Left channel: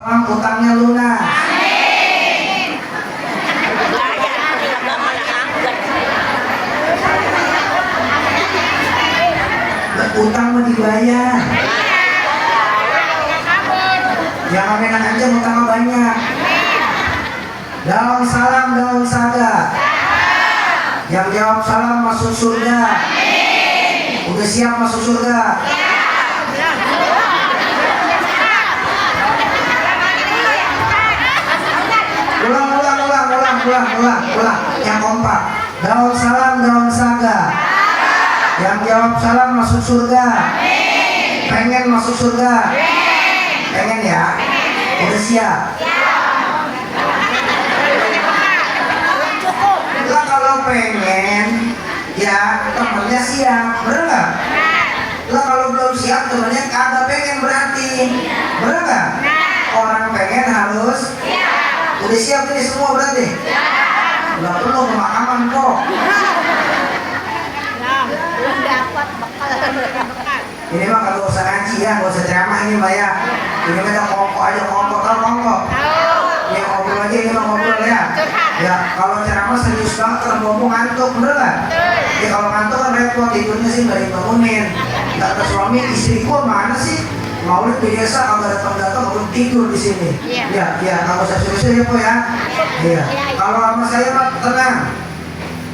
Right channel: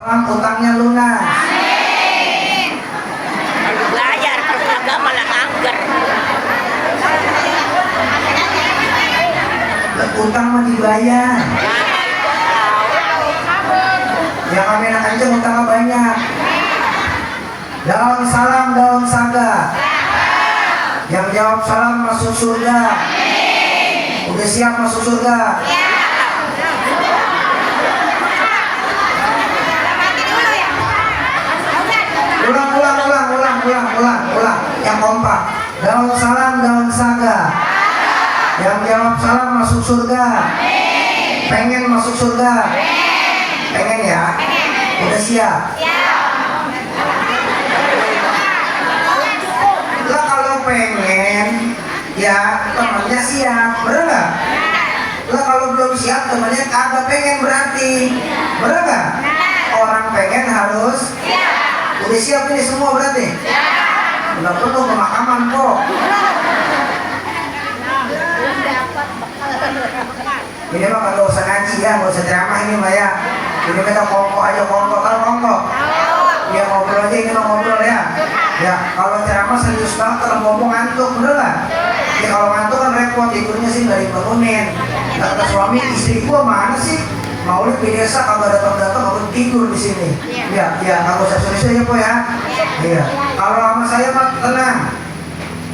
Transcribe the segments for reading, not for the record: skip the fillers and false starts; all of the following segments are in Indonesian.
Utangnya lunas. Utang mau dibayar. Jangan enak aja utangnya banyak. Daun salam, daun saga. Yang jawab salam masuk surga. Udah siap masuk surga? Ulang. Yang kompak. Daun salam, daun saga. Yang jawab salam masuk surga. Pengen masuk surga? Pengen ya? Udah siap? Lah kalau pengen, ya temannya siap, bener nggak? Lah kalau belum siap temannya kagak pengen berarti, bener nggak? Orang pengen harus. Udah siap ini semua berarti? Nggak perlu pemakaman kok. Ini mah kagak usah ngaji ya, nggak usah ceramah ini mbak ya. Ini kita kongkok aja, kongkok. Ya ngobrol aja, ini mah ngobrol ya. Ya kalau ceramah serius banget, kalau ngomong ngantuk, bener nggak? Ya kalau ngantuk kan repot, tidurnya sih dari bangunin. Kata suami, istriku mana sih? Maulid biasa kalau datang mau tidur di sini. Ya, nggak usah serius ya po ya. Iya. Kalau sama saya mah tenang.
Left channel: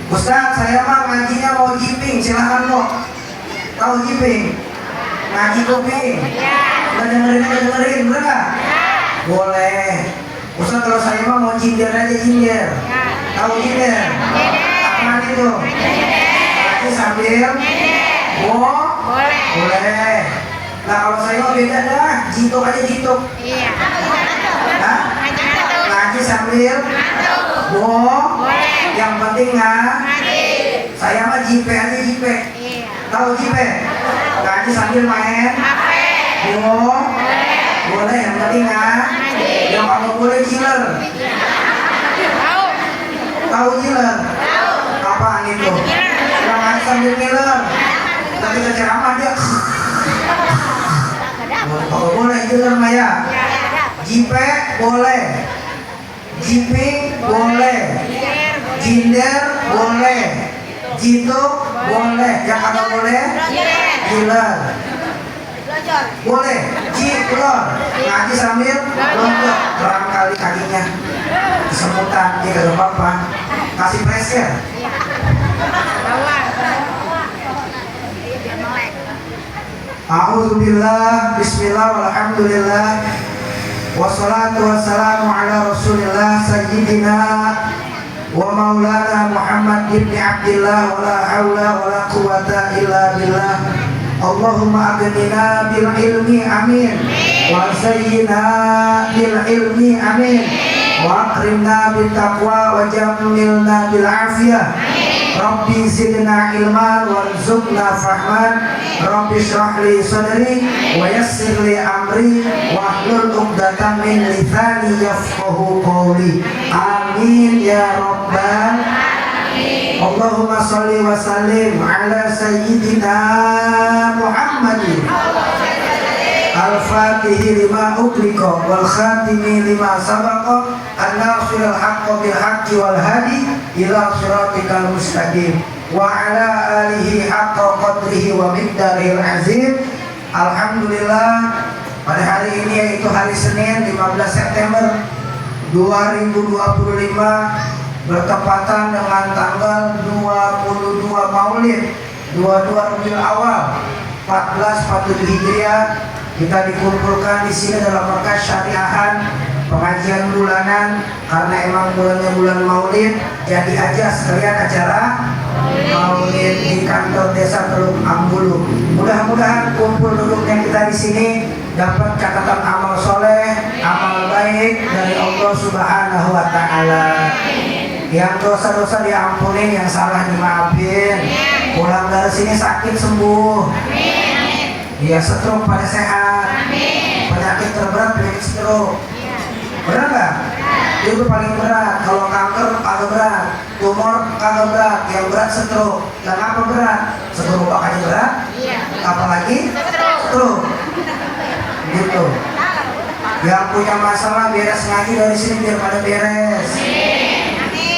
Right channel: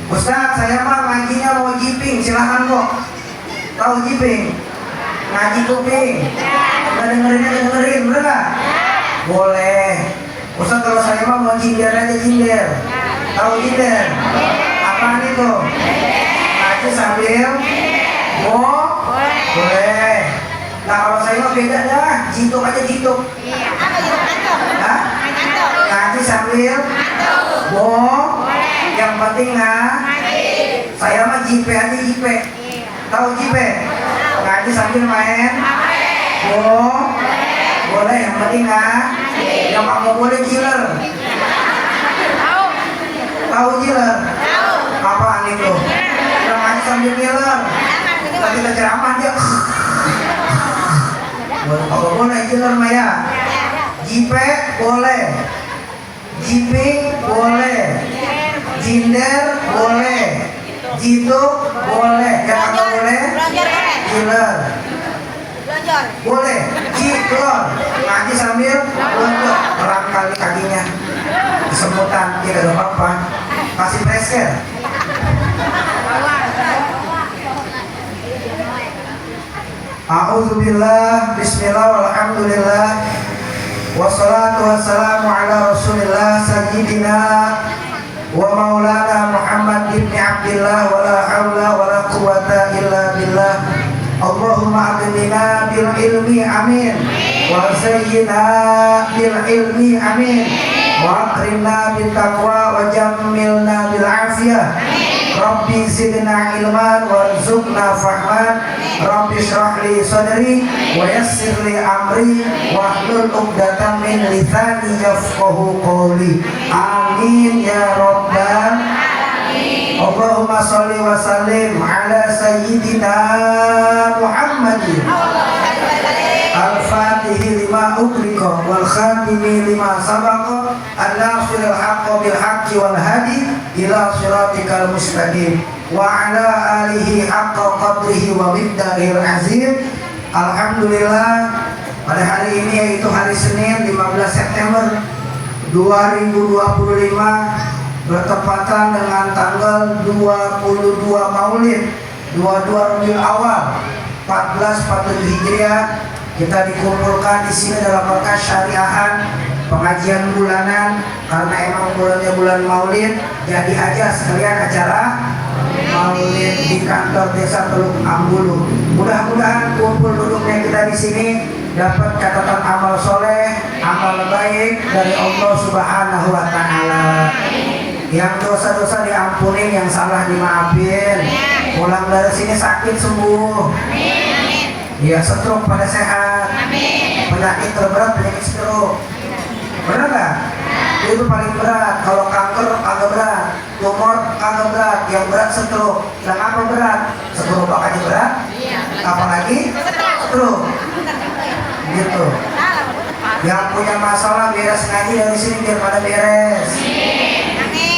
Ustaz, saya mah ngajinya mau jiping, silahkan kok. Tahu jiping? Ngaji kuping. Dengerin, bener nggak? Boleh. Ustaz kalau saya mah mau jinder aja jinder. Tahu jinder? Apaan itu? Ngaji sambil boleh. Nah kalau saya mah beda dah, jituk aja jituk. Nah, ngaji sambil yang penting saya mah jipe aja jipe. Tahu jipe? Ngaji sambil main boleh, yang penting yang kamu boleh killer. Tahu killer? Apaan itu? Yang ngaji sambil killer. Tadi ceramah dia kalau boleh jelas Maya. Jipe boleh, jiping boleh, jinder boleh, jituk boleh, yang agak boleh jiler boleh, jiklor ngaji sambil loncat, terang kali kakinya kesemutan, tidak ada apa-apa, kasih pressure. A'udzubillah, bismillah, walhamdulillah, wassalatu wassalamu ala rasulillah sayyidina wa maulana Muhammad ibn Abdillah, wa la hawla wa la quwata illa billah. Allahumma adnina bil ilmi amin, wa sayyina bil ilmi amin, wa akrimna bil taqwa, wa jammilna bil afiyah. Rabbi zidna ilman warzuqna fahman. Rabbi shrah li sadri wa yassir li amri wahlul 'uqdatam min lisani yafqahu qawli. Amin ya rabbal alamin. Allahumma shalli wa sallim ala sayyidina Muhammadin al-fatihi lima ughliqa wal khatimi lima sabaqa an-nasiril haqqi bil haqqi wal hadi ila siratikal mustaqim wa ala alihi haqqa qadrihi wa miqdarihil azim. Alhamdulillah, pada hari ini yaitu hari Senin 15 September 2025 bertepatan dengan tanggal 22 Maulid 22 Rabiul Awal 1447 Hijriah. Kita dikumpulkan di sini dalam rangka syariahan pengajian bulanan, karena emang bulannya bulan Maulid, jadi aja sekalian acara Maulid di kantor desa Teluk Ambulu. Mudah-mudahan kumpul duduknya kita di sini dapat catatan amal soleh, amal baik dari Allah Subhanahu wa Ta'ala. Yang dosa-dosa diampuni, yang salah dimaafin. Pulang dari sini sakit sembuh. Ya, stroke pada sehat. Penyakit terberat penyakit stroke. Benar nggak? Itu paling berat. Kalau kanker agak berat, tumor agak berat, yang berat stroke. Yang apa berat? Stroke aja berat. Apalagi stroke. Gitu. Yang punya masalah beres ngaji dari sini biar pada beres.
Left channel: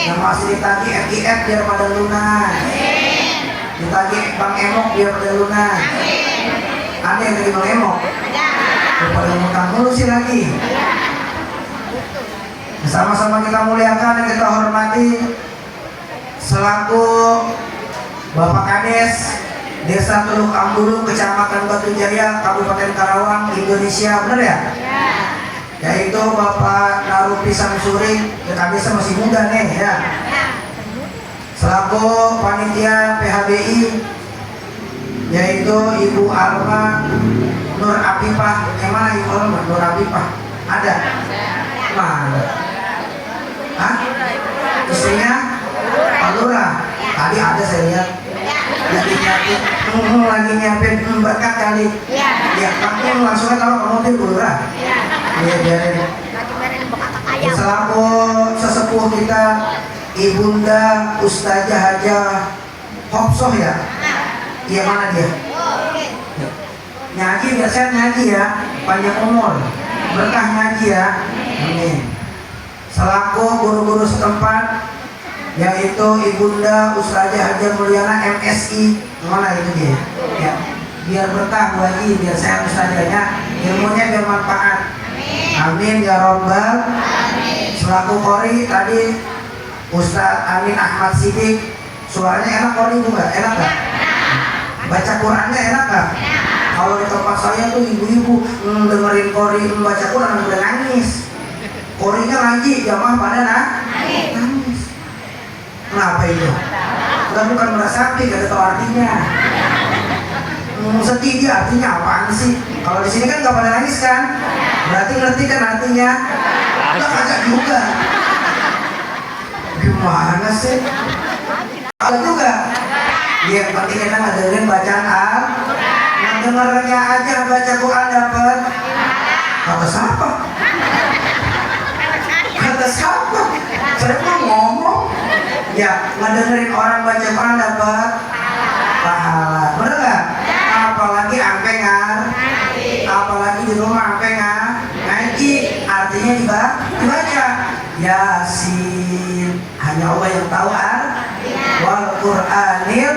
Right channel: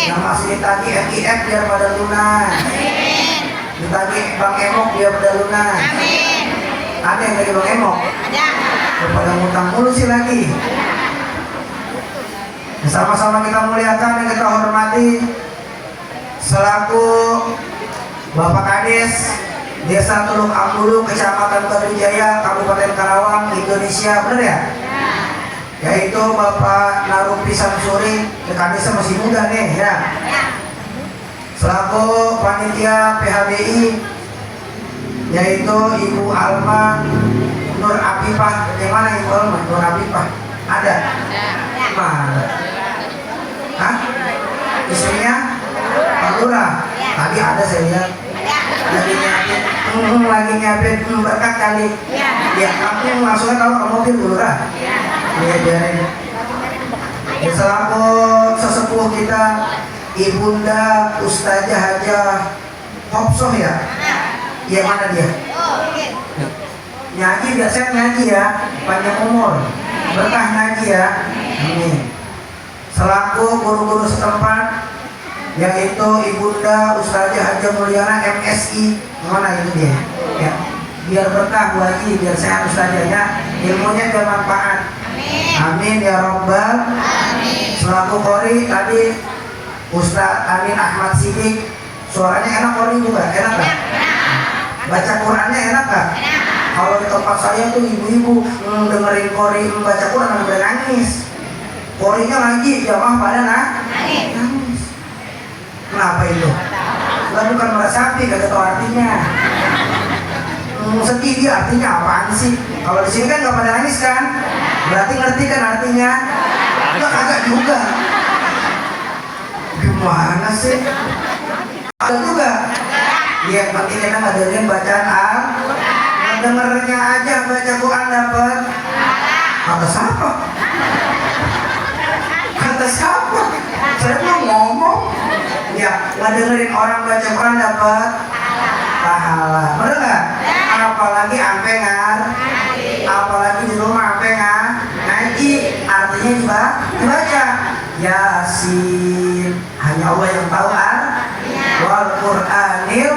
Yang masih ditagih FIF biar pada lunas. Ditagih Bang Emok biar pada lunas. Ada yang lagi Bang Emok? Pada ngutang mulu sih lagi. Sama-sama kita muliakan dan kita hormati selaku Bapak Kades Desa Teluk Ambulu, Kecamatan Batu Jaya, Kabupaten Karawang, Indonesia, benar ya? Yaitu Bapak Narupi Samsuri, Kadesnya masih muda nih ya. Selaku panitia PHBI, yaitu Ibu Alma Nur Apipah. Yang mana Ibu Alma Nur Apipah? Ada? Mana? Hah? Istrinya? Alura. Tadi ada saya lihat. Lagi nyiapin berkat kali. Ya, kamu langsung tahu kamu itu Alura. Ya. Selaku sesepuh kita, Ibunda Ustazah Hajah Hopsoh ya. Iya, mana dia? Nyaji biar saya nyaji ya, panjang umur, berkah nyaji ya. Amin. Selaku guru-guru setempat, yaitu Ibunda Ustazah Hajah Mulyana MSI, mana itu dia? Ya, biar berkah Bu Haji, biar saya ustazahnya, ilmunya biar manfaat. Amin ya Rabbal. Selaku Qori tadi Ustadz Amin Ahmad Sidik, suaranya enak Qori juga, enak gak? Baca Qurannya enak gak? Kalau di tempat saya tuh ibu-ibu dengerin Qori membaca Quran udah nangis. Qorinya ngaji, jamaah pada nangis. Kenapa itu? Lah bukan merasapi, gak tahu artinya. Sedih dia artinya apaan sih? Kalau di sini kan gak pada nangis kan? Berarti ngerti kan artinya? Enggak agak juga. Gimana sih? Ada juga. Yang penting enak dengerin bacaan Al-Quran. Dengernya aja baca Quran dapat. Kata siapa? Kata siapa? Saya mau ngomong. Ya, ngedengerin orang baca Quran dapat pahala. Bener nggak? Apalagi ampe apalagi di rumah ampe ngaji, artinya dibaca. Yasin, hanya Allah yang tahu wal Qur'anil,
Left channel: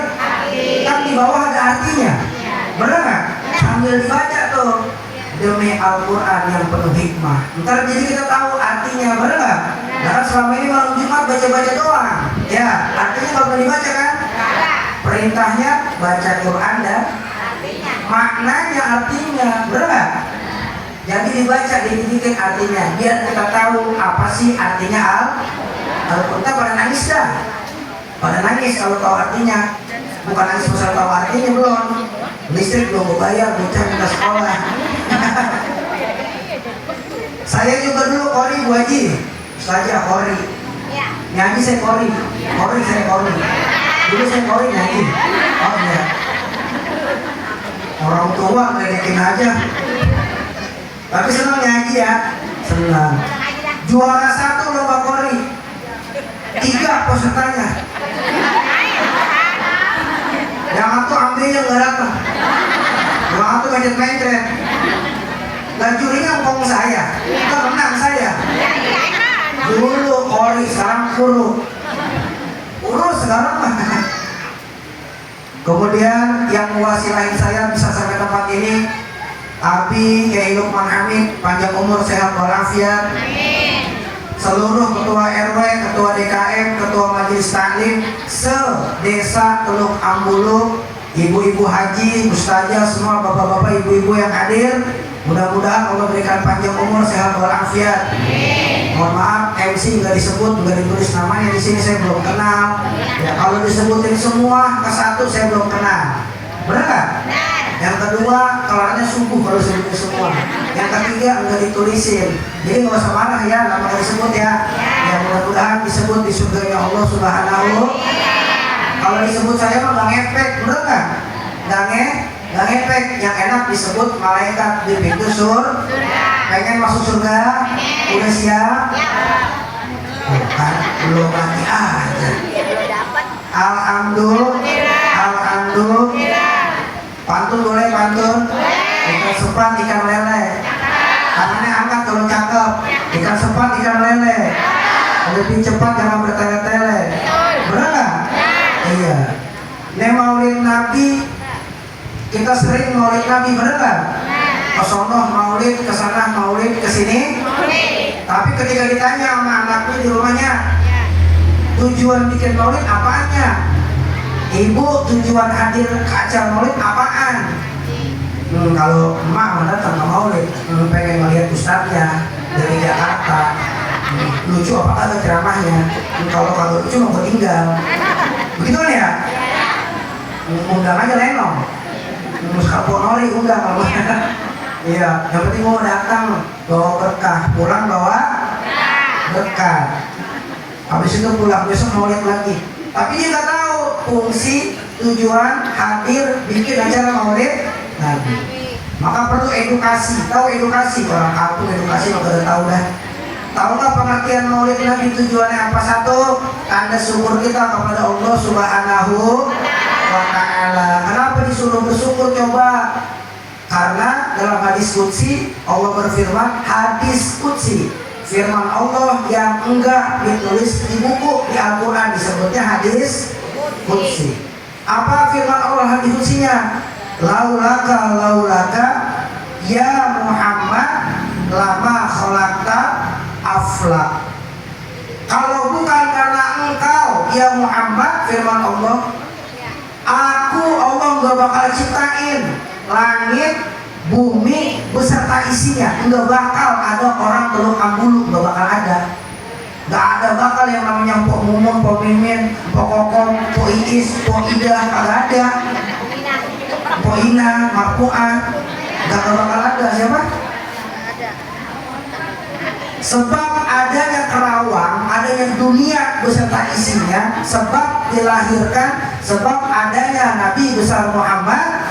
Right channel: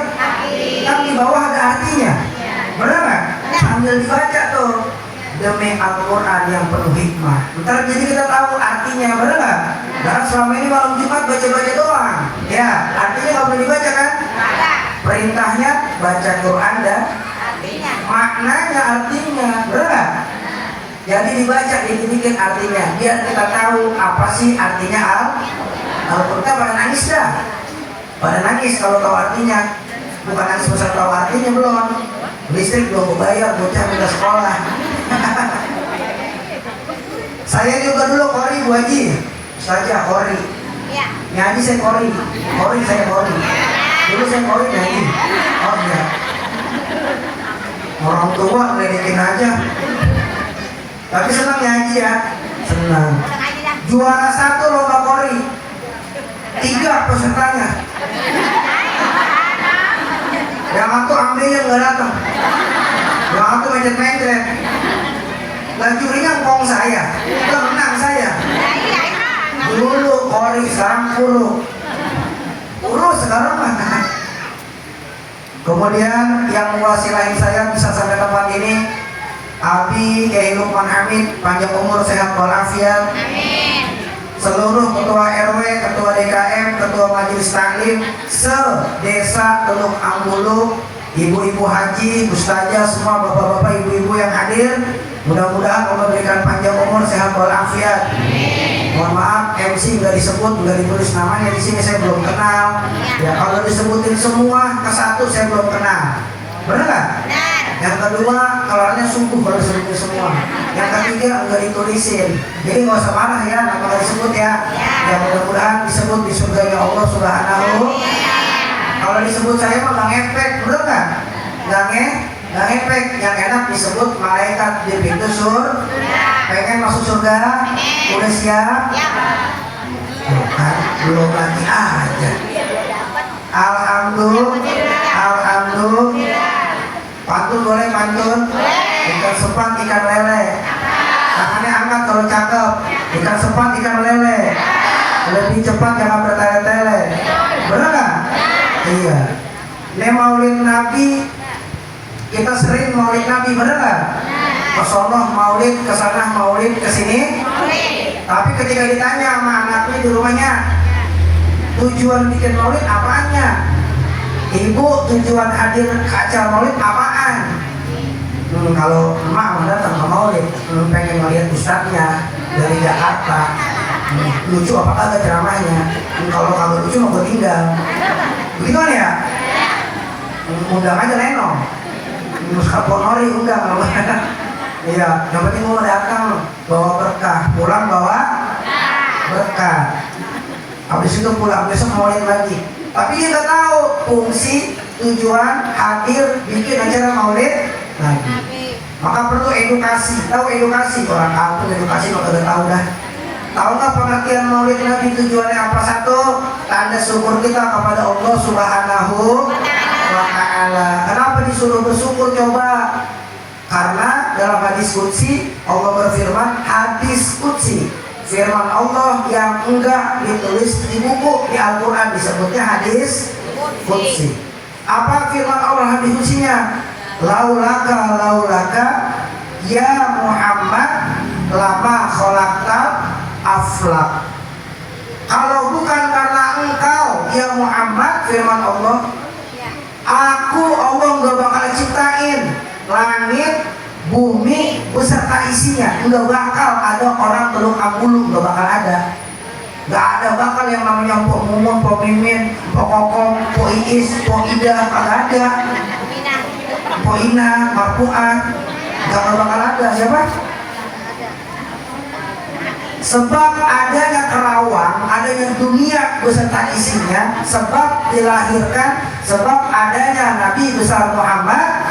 kan di bawah ada artinya. Bener nggak? Sambil dibaca tuh, demi Al-Quran yang penuh hikmah. Ntar jadi kita tahu artinya, bener nggak? Karena selama ini malam Jumat baca-baca doang. Ya, artinya nggak boleh dibaca kan? Perintahnya baca Quran dan maknanya artinya, bener nggak? Jadi dibaca, dipikir artinya, biar kita tahu apa sih artinya Al-Quran. Pada nangis dah, pada nangis kalau tahu artinya. Bukan nangis pasal tahu artinya belum. Listrik belum bayar, bocah minta sekolah. Saya juga dulu Qori Bu Haji, saja Qori. Nyanyi saya Qori saya Qori. Dulu saya Qori nyanyi. Oh iya. Orang tua ngeliatin aja. Tapi senang nyanyi ya, senang. Juara 1 lomba Qori, 3 pesertanya. Yang satu ambilnya nggak datang, yang satu mencet-mencet. Dan jurinya ngomong saya, itu menang saya. Dulu Qori, sekarang kurus sekarang mah. Kemudian yang mewasilahin saya bisa sampai tempat ini, Abi Kiai Lukman Hamid, panjang umur, sehat walafiat. Seluruh ketua RW, ketua DKM, ketua majelis taklim se-desa Teluk Ambulu, ibu-ibu haji, ustazah, semua bapak-bapak, ibu-ibu yang hadir, mudah-mudahan Allah berikan panjang umur, sehat walafiat. Mohon maaf, MC nggak disebut, nggak ditulis namanya di sini, saya belum kenal. Ya kalau disebutin semua ke satu saya belum kenal, benar nggak? Yang kedua, kelarnya subuh kalau disebutin semua. Yang ketiga, nggak ditulisin. Jadi nggak usah marah ya, nggak mau disebut ya. Ya mudah-mudahan disebut di surganya Allah Subhanahu. Kalau disebut saya mah nggak ngepek, bener nggak? Nggak ngepek. Yang enak disebut malaikat di pintu surga. Pengen masuk surga? Udah siap? Bukan, belum lagi aja. Alhamdulillah. Pantun boleh pantun? Ikan sepang, ikan lele. Tangannya angkat kalau cakep, ikan sepat, ikan lele. Lebih cepat jangan bertele-tele. Benar nggak? Iya. Ini maulid Nabi, kita sering maulid Nabi, benar nggak? Kesono maulid, kesana maulid, kesini. Tapi ketika ditanya sama anaknya di rumahnya, tujuan bikin maulid apanya? Ibu, tujuan hadir ke acara maulid apaan? Kalau emak datang ke maulid, pengen melihat ustadznya dari Jakarta. Lucu apa kagak ceramahnya? Kalau kagak lucu mau tinggal. Begitu kan ya? Undang aja Lenong. Skaponori undang. Iya, yang penting mau datang bawa berkah, pulang bawa berkah. Habis itu pulang besok maulid lagi. Tapi dia nggak tahu fungsi, tujuan hadir bikin acara maulid Nabi. Maka perlu edukasi. Tahu edukasi? Orang kampung edukasi nggak pada tahu dah. Tahu nggak pengertian maulid Nabi tujuannya apa? Satu, tanda syukur kita kepada Allah Subhanahu wa Ta'ala. Kenapa disuruh bersyukur coba? Karena dalam hadis qudsi Allah berfirman, hadis qudsi, firman Allah yang enggak ditulis di buku di Al-Quran disebutnya hadis qudsi. Apa firman Allah hadis qudsinya? Laulaka ya Muhammad lama khalaqta aflak. Kalau bukan karena engkau ya Muhammad, firman Allah, aku Allah nggak bakal ciptain langit, bumi beserta isinya. Nggak bakal ada orang teluk ambulu, nggak bakal ada. Nggak ada bakal yang namanya Pok Mumun, Pok Mimin, Pok Kokong, Pok Iis, Pok Ida, nggak ada. Pok Ina, Marpuan, nggak bakal ada. Siapa? Sebab adanya Kerawang, adanya dunia beserta isinya, sebab dilahirkan, sebab adanya Nabi besar Muhammad.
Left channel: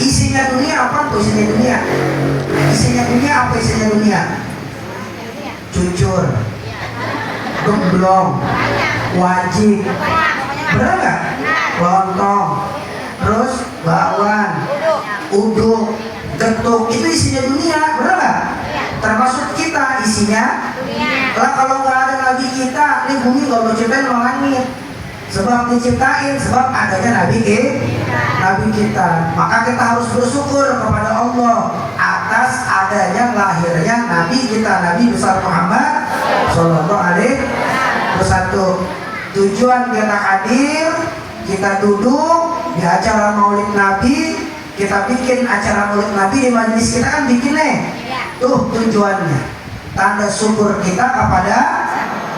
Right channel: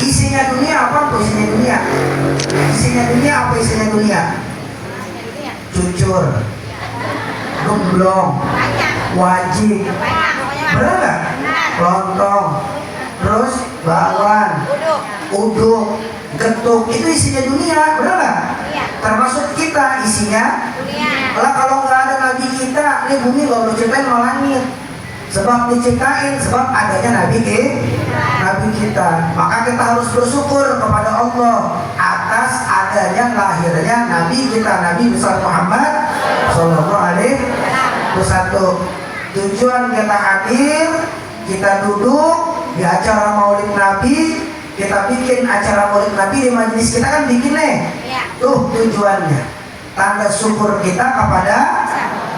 Isinya dunia apa tuh? Isinya dunia. Isinya dunia apa? Isinya dunia. Cucur, gemblong, wajib, bener nggak? Lontong, terus bakwan, uduk, getuk, itu isinya dunia, bener nggak? Termasuk kita isinya. Lah kalau nggak ada Nabi kita, ini bumi nggak berciptain langit. Sebab diciptain, sebab adanya Nabi kita. Maka kita harus bersyukur kepada Allah atas adanya lahirnya Nabi kita, Nabi besar Muhammad Sallallahu Alaihi Wasallam. Tujuan kita hadir, kita duduk di acara Maulid Nabi, kita bikin acara Maulid Nabi di majelis kita kan bikin nih. Tuh tujuannya, tanda syukur kita kepada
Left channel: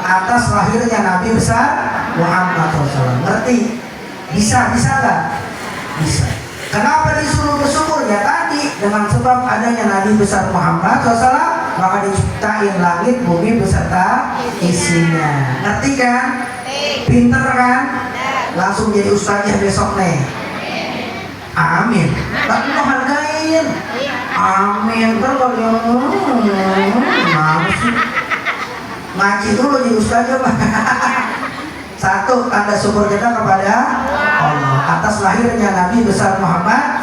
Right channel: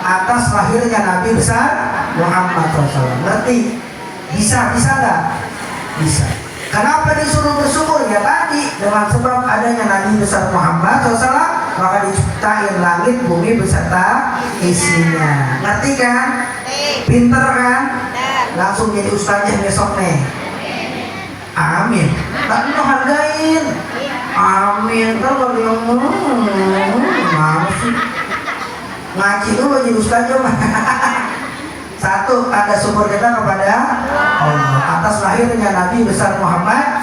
atas lahirnya Nabi besar Muhammad SAW. Ngerti? Bisa nggak? Bisa. Kenapa disuruh bersyukur? Ya tadi, dengan sebab adanya Nabi besar Muhammad SAW, maka diciptain langit, bumi beserta isinya. Ngerti kan? Pinter kan? Langsung jadi ustaznya besok nih. Amin. Tapi lo hargain. Amin. Kan kalau dia ngaji dulu jadi ustaznya. Satu, tanda syukur kita kepada Allah atas lahirnya Nabi besar Muhammad.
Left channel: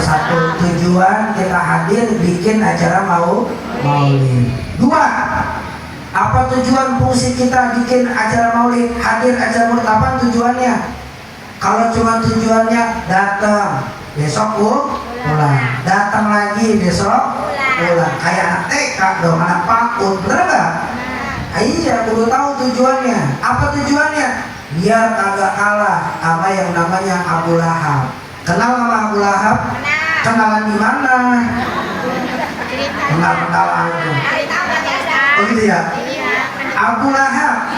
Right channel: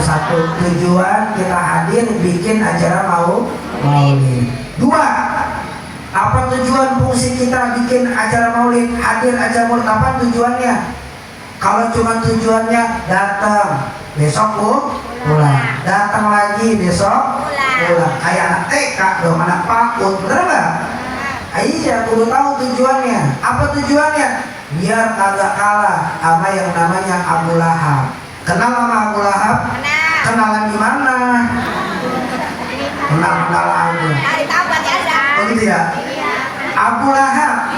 Satu, tujuan kita hadir bikin acara maulid. Dua, apa tujuan fungsi kita bikin acara maulid, hadir acara maulid? Apa tujuannya? Kalau cuma tujuannya datang besok pulang, datang lagi besok pulang, kayak anak TK dong, anak PAUD, bener nggak? Iya, perlu tahu tujuannya. Apa tujuannya? Biar kagak kalah sama yang namanya Abu Lahab. Kenal sama Abu Lahab? Kenalan di mana? Kenalan. Oh gitu ya. Abu Lahab.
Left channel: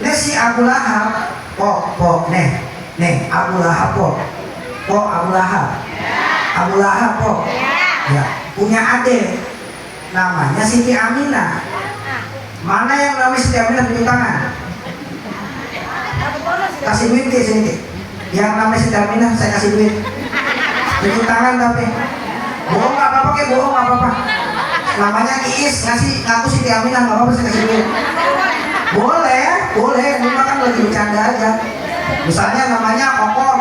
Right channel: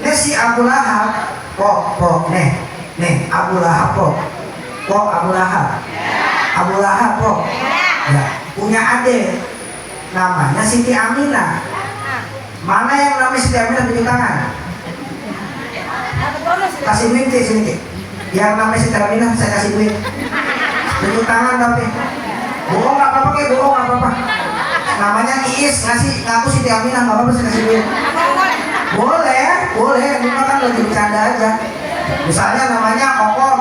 Ini si Abu Lahab. Pok, nih Abu Lahab pok. Abu Lahab. Abu Lahab pok. Ya, punya adik namanya Siti Aminah. Mana yang namanya Siti Aminah tunjuk tangan? Kasih duit ke sini. Yang namanya Siti Aminah saya kasih duit. Tunjuk tangan tapi. Bohong nggak apa-apa ke, bohong nggak apa-apa. Namanya Iis, ngasih ngaku Siti Aminah nggak apa-apa, saya kasih duit. Boleh, cuma kan lagi bercanda aja. Misalnya namanya Okom,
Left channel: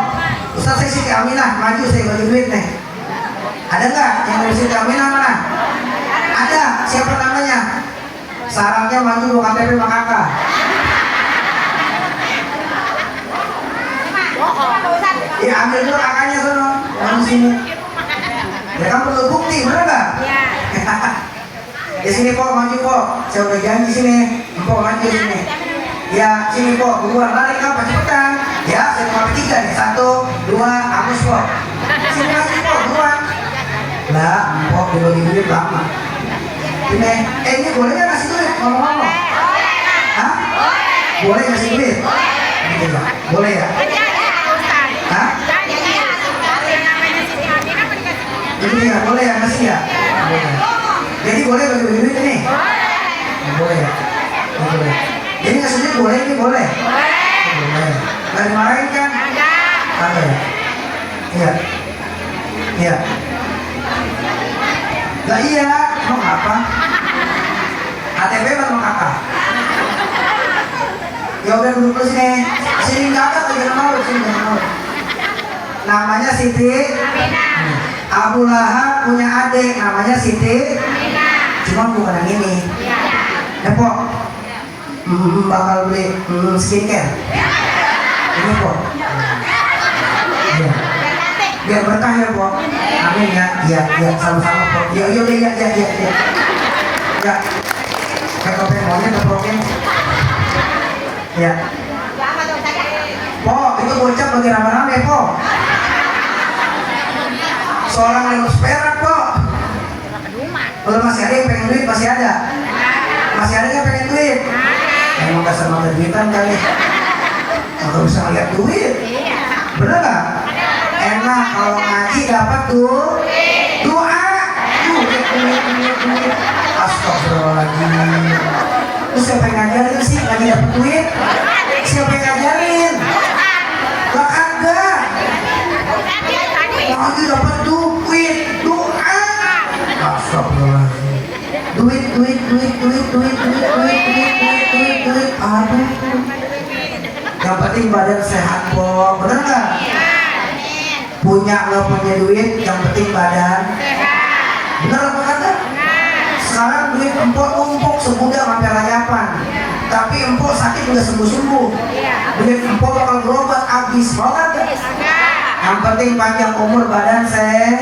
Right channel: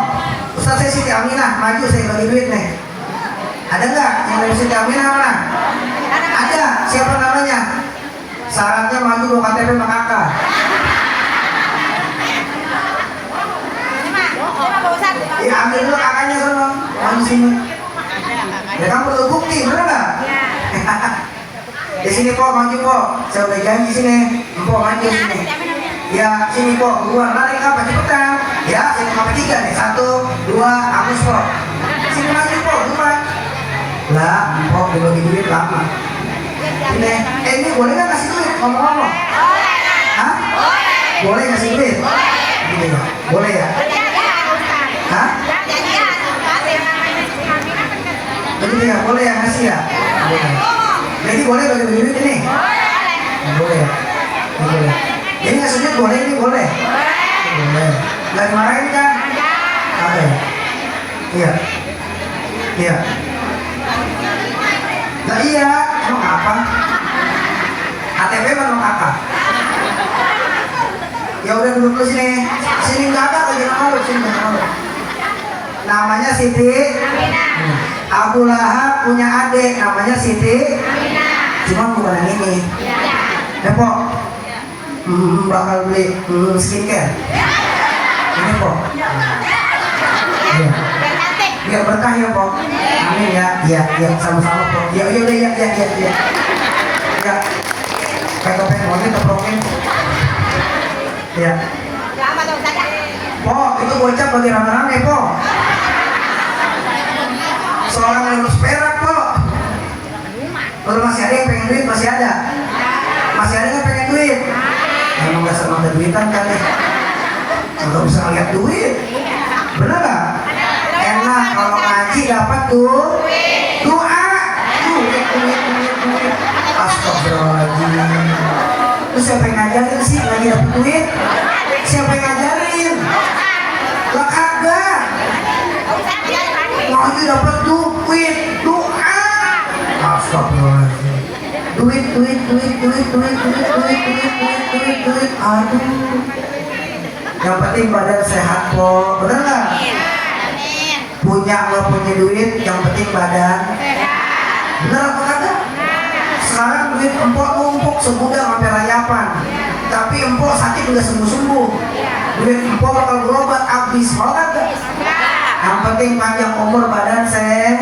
Ustaz saya Siti Aminah, maju saya bagi duit nih. Ada nggak yang ngurusin jaminan mana? Ada. Siapa namanya? Syaratnya maju lu KTP sama kakak. Ya ambil dulu kakaknya sono, maju sini. Ya kan perlu bukti, bener nggak? Di sini kok maju kok. Saya udah janji sini. Empok maju sini. Ya sini kok. Buruan lari apa cepetan. Ya sini sampai 3 nih. 1, 2, hapus kok. Sini maju kok. Buruan. Lah, empok dibagi duit lama. Ini, ini boleh nggak kasih duit ngomong-ngomong? Hah? Boleh kasih duit? Gitu ya? Boleh ya? Hah? Jadi ya boleh ya ngasih ya? Jadi boleh bagi-bagi duit ini? Boleh ya? Boleh. Jadi ngasih duit boleh ini boleh? Boleh. Nggak dimarahin kan? Ada ya? Iya. Iya. Lah iya, mau apa? KTP atau kakak? Ya udah duduk dulu sini. Sini nggak ada, jangan malu, sini jangan malu. Namanya Siti. Abu Lahab punya adik namanya Siti. Cuma bukan yang ini. Ya Pok, bakal beli skincare. Ini Pok. Iya. Biar berkah ya Pok. Amin ya. Iya, iya sama-sama Pok. Ya udah ya. Ya. Kakak pengen monyet atau pengen? Ya. Pok, itu bocah bagi rame-rame Pok. Seorang yang harus perak Pok. Kalau masih ada yang pengen duit masih ada. Masih ada yang pengen duit. Emang gak senang ada duitan kan ya? Nggak bisa ngeliat duit. Bener gak? Enak kalau ngaji dapat tuh doa. Duit. Astagfirullahaladzim. Terus siapa yang ngajarin sih ngaji dapat duit? Siapa yang ngajarin? Lah kagak. Ngaji dapat duit, doa. Astagfirullahaladzim. Duit. Aduh. Yang penting badan sehat kok, bener nggak? Punya nggak punya duit, yang penting badan. Bener apa kata? Sekarang duit empok numpuk semudah sampai rayapan. Tapi empok sakit udah sembuh. Duit empok bakal berobat habis banget. Yang penting panjang umur badan sehat.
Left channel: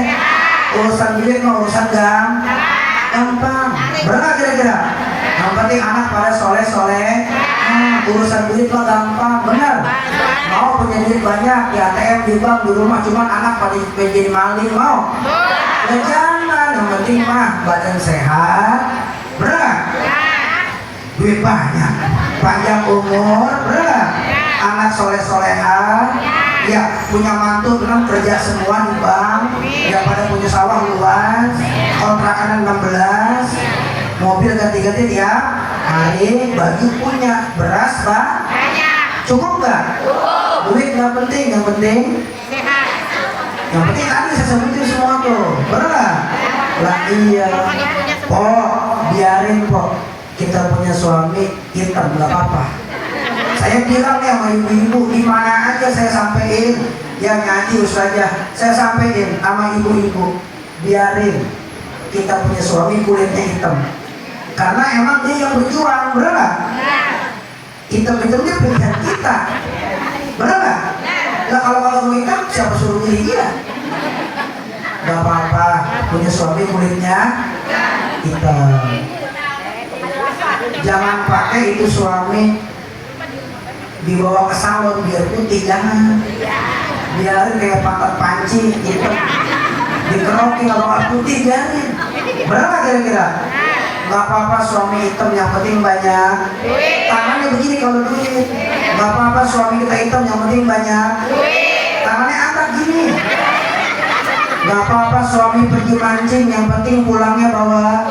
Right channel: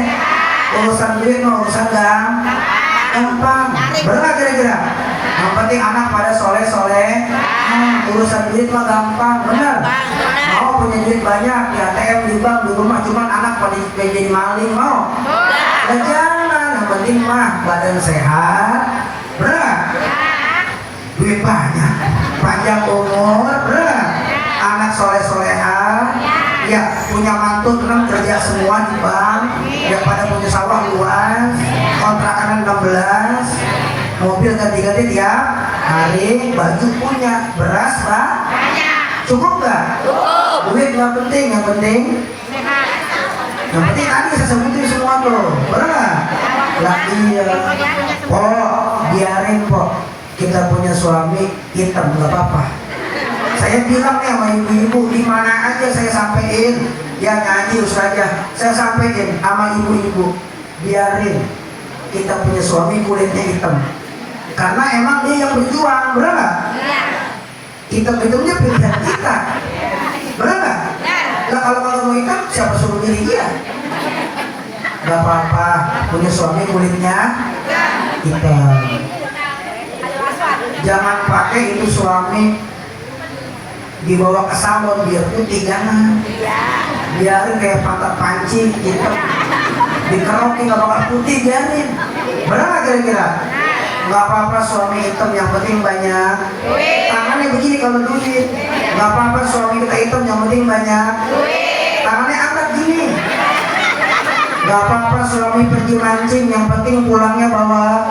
Urusan duit mah urusan gampang. Bener kira-kira? Yang penting anak pada soleh. Urusan duit mah gampang, bener. Mau punya duit banyak, di ATM, di bank, di rumah, cuman anak pada jadi maling mau. Ya jangan, yang penting mah badan sehat, bener. Duit banyak, panjang umur, bener. Anak soleh-soleha, ya punya mantu 6 kerja semua di bank, ya pada punya sawah luas, kontrakan 16, mobil ganti-ganti tiap hari, baju punya, beras banyak. Cukup nggak? Duit nggak penting, yang penting tadi saya sebutin semua tuh, bener? Lah iya. Pok, biarin Pok. Kita punya suami hitam nggak apa-apa. Saya bilang nih sama ibu-ibu, di mana aja saya sampein, yang ngaji saja saya sampein sama ibu-ibu, biarin kita punya suami kulitnya hitam. Karena emang dia yang berjuang, bener nggak? Hitam-hitam dia pilihan kita, bener nggak? Nah kalau mau hitam, siapa suruh milih dia? Gak apa-apa, punya suami kulitnya hitam. Jangan pakai itu suami dibawa ke salon biar putih, jangan. Biarin kayak pantat panci hitam, dikerokin kalau putih, biarin. Bener nggak kira-kira? Gak apa-apa suami hitam, yang penting banyak tangannya begini kalau duit. Gak apa-apa suami kita hitam, yang penting banyak tangannya angkat gini. Gak apa-apa suami pergi mancing, yang penting pulangnya bawa.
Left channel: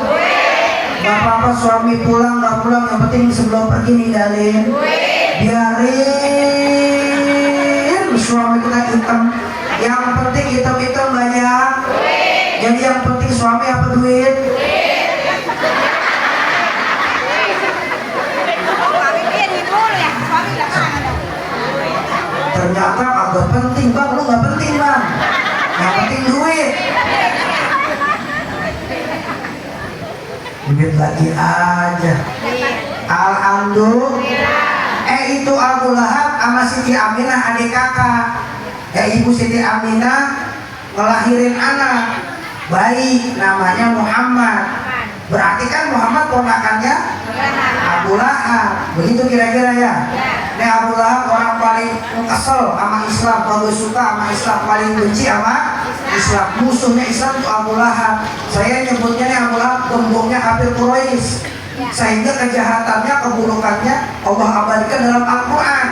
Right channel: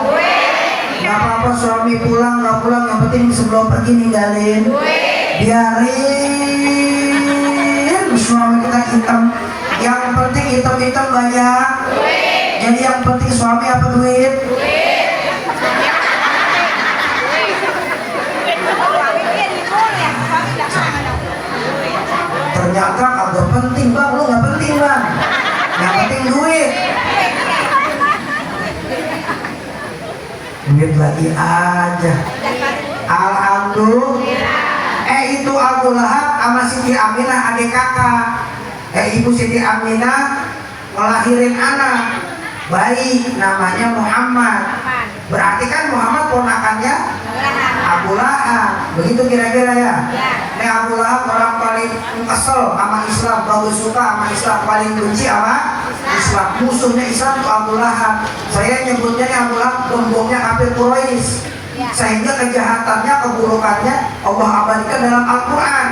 Gak apa-apa suami pulang gak pulang, yang penting sebelum pergi ninggalin. Biarin suami kita hitam, yang penting hitam-hitam banyak. Jadi yang penting suami apa duit? Ternyata agak penting bang, lu gak penting bang. Yang penting duit. duit lagi aja. Alhamdulillah. Itu Abu Lahab sama Siti Aminah adik kakak. Ibu Siti Aminah ngelahirin anak bayi namanya Muhammad. Berarti kan Muhammad ponakannya Abu Lahab. Begitu kira-kira ya. Ini Abu Lahab orang paling kesel sama Islam, bagus suka sama Islam, paling benci sama Islam. Musuhnya Islam itu Abu Lahab. Saya nyebutnya nih Abu Lahab gembongnya kafir Quraisy. Sehingga kejahatannya, keburukannya Allah abadikan dalam Al-Quran.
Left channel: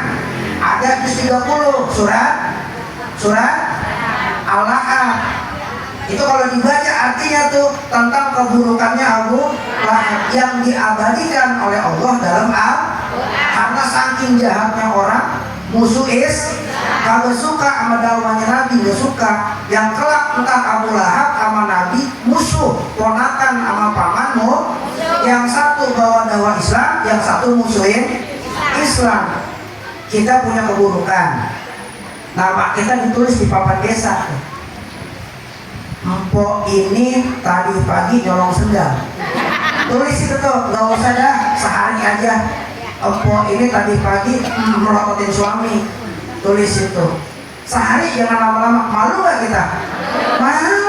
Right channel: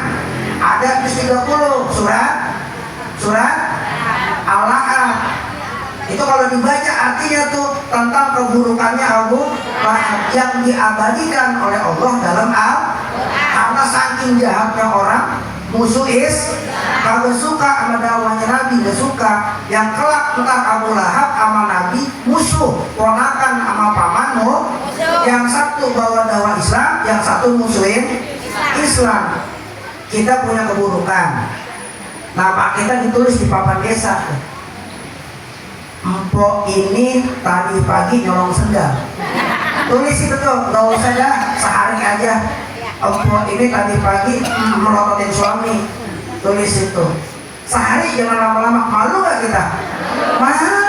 Ada di 30 surat Al-Lahab. Itu kalau dibaca artinya tuh tentang keburukannya Abu Lahab yang diabadikan oleh Allah dalam Al-Quran. Karena saking jahatnya orang musuh kagak suka sama dakwahnya Nabi, gak suka. Yang kelak entah Abu Lahab sama Nabi musuh, ponakan sama paman. Yang satu bawa dakwah Islam, yang satu musuhin Islam. Kita punya keburukan. Nama kita ditulis di papan desa. Empok ini tadi pagi nyolong sendal. Tulis itu tuh, gak usah dah, sehari aja. Empok ini tadi pagi melototin suami. Tulis itu. Sehari jangan lama-lama. Malu gak kita? Malu.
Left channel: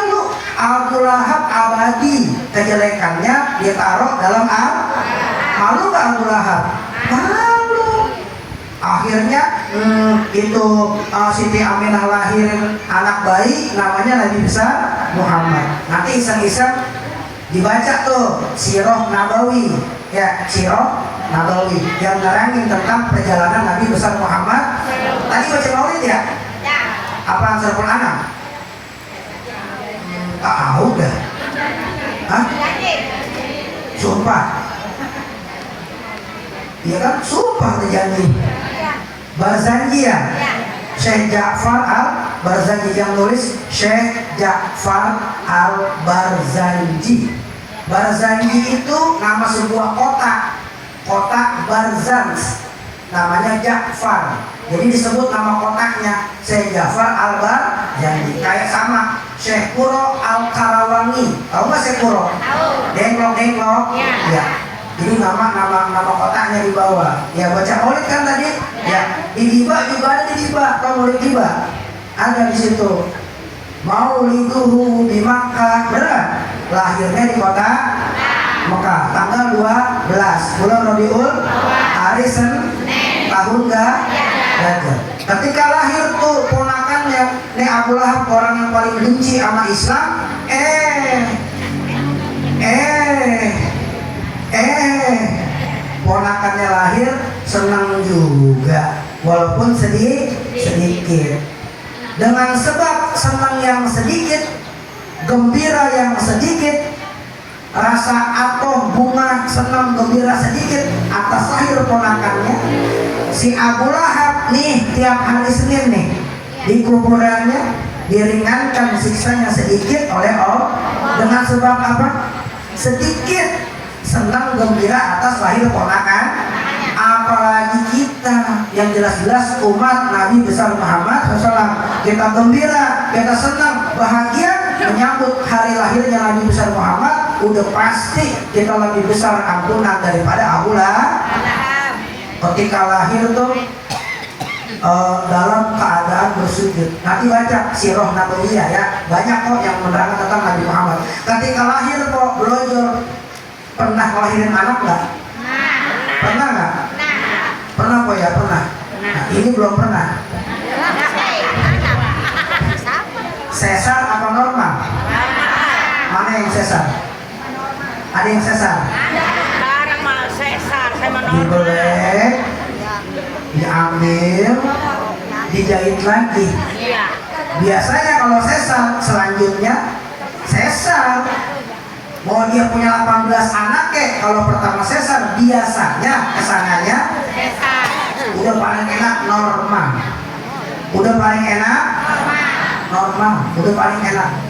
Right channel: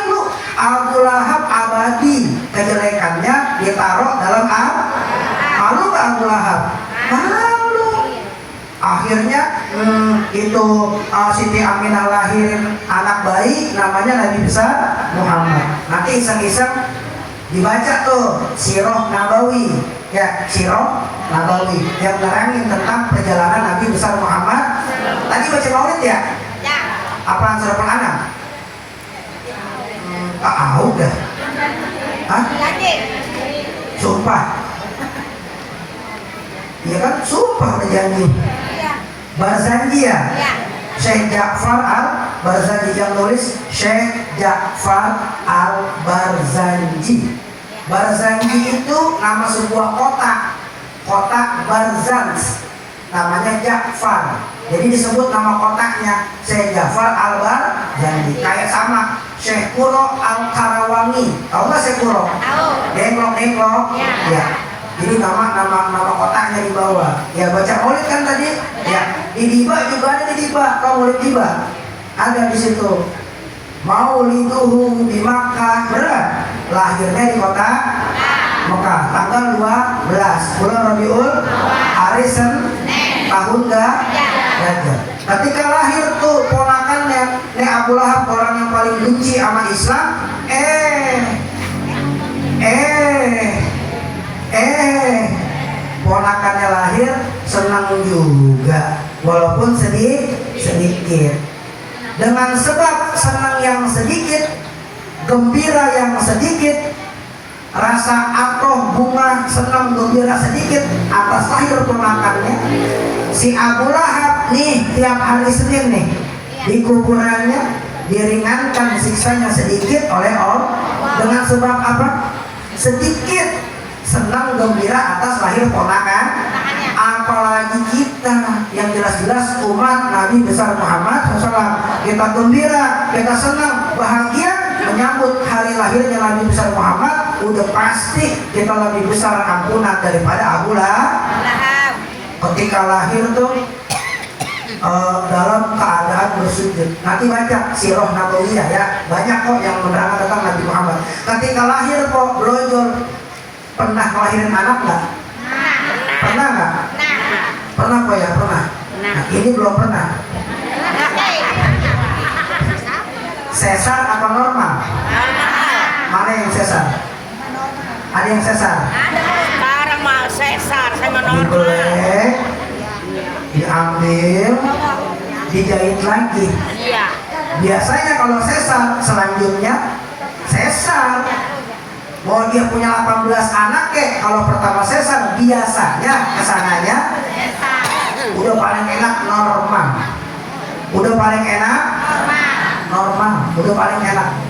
Abu Lahab abadi kejelekannya ditaruh dalam malu gak Abu Lahab? Malu. Akhirnya itu Siti Aminah lahirin anak bayi namanya Nabi besar Muhammad. Nanti iseng-iseng dibaca tuh Sirah Nabawi, ya Sirah Nabawi yang nerangin tentang perjalanan Nabi besar Muhammad. Tadi baca maulid ya? Apaan surah Al-An'am? Tahu dah. Hah? Sumpah. Iya kan? Sumpah berjanji. Barzanji ya? Syekh Ja'far Al-Barzanji yang nulis Syekh Ja'far Al-Barzanji. Barzanji itu nama sebuah kota Barzanj. Namanya Ja'far. Jadi disebut nama kotaknya Syekh Ja'far Al-Barzanji. Kayak sama Syekh Kuro Al-Karawangi. Tahu nggak Syekh Kuro? Denglok. Ya. Jadi nama kotaknya di bawah. Ya baca maulid kan tadi? Ya. Di Diba juga ada di Diba. Kalau maulid Diba ada di situ. Mauliduhu di Makkah. Benar? Lahirnya di kota Mekah. Tanggal 12 bulan Rabiul hari Senin tahun Gajah. Ketika lahir tuh ponakannya Abu Lahab, orang yang paling benci sama Islam. Ponakannya lahir senang juga, walaupun sedikit. Dengan sebab senang yang sedikit, gembira yang sedikit, rasa atau bunga senang gembira sedikit atas lahir ponakannya, si Abu Lahab nih tiap hari Senin nih di kuburannya diringankan siksanya sedikit oleh Allah. Dengan sebab apa? Sedikit senang gembira atas lahir ponakan. Apalagi kita yang jelas-jelas umat Nabi besar Muhammad SAW, kita gembira, kita senang, bahagia menyambut hari lahirnya Nabi besar Muhammad. Udah pasti kita lebih besar ampunan daripada Abu Lahab. Ketika lahir tuh dalam keadaan bersujud. Nanti baca Sirah Nabawiyah ya, banyak kok yang menerangkan tentang Nabi Muhammad. Ketika lahir kok belojor. Pernah ngelahirin anak nggak? Pernah nggak? Pernah kok ya, pernah. Nah, ini belum pernah. Sesar apa normal? Mana yang sesar? Ada yang sesar? Sekarang mah sesar sama normal. Dibelek, diambil, dijahit lagi. Biasanya kalau sesar, selanjutnya sesar. Mau dia punya 18 anak kalau pertama sesar biasanya kesananya udah paling enak normal. Udah paling enak normal, udah paling enak.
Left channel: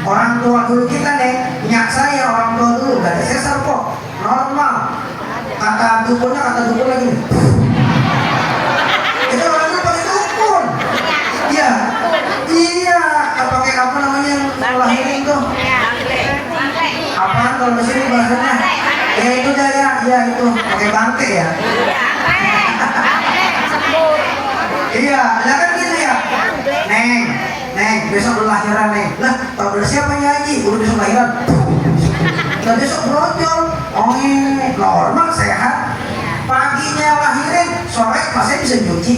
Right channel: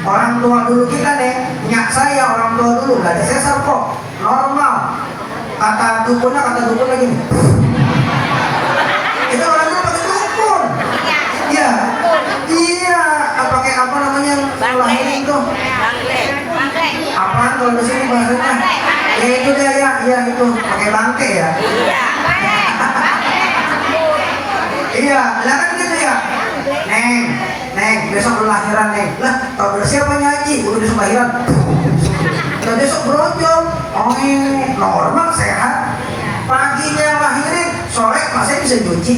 Orang tua dulu kita deh, nyak saya orang tua dulu nggak ada sesar kok, normal. Kata dukun lagi nih. Itu orang dulu pakai dukun. Ya, iya, pakai apa namanya yang lahirin tuh? Apa? kalau di sini bahasanya. Ya itu dia ya, ya itu pakai bangke ya. Iya, lah kan gitu ya. Neng, besok lu lahiran Neng. Lah, tau udah siapa nyanyi? Udah besok lahiran. Lah besok brojol. Oh iya, normal sehat. Paginya lahirin, sore masih bisa cuci.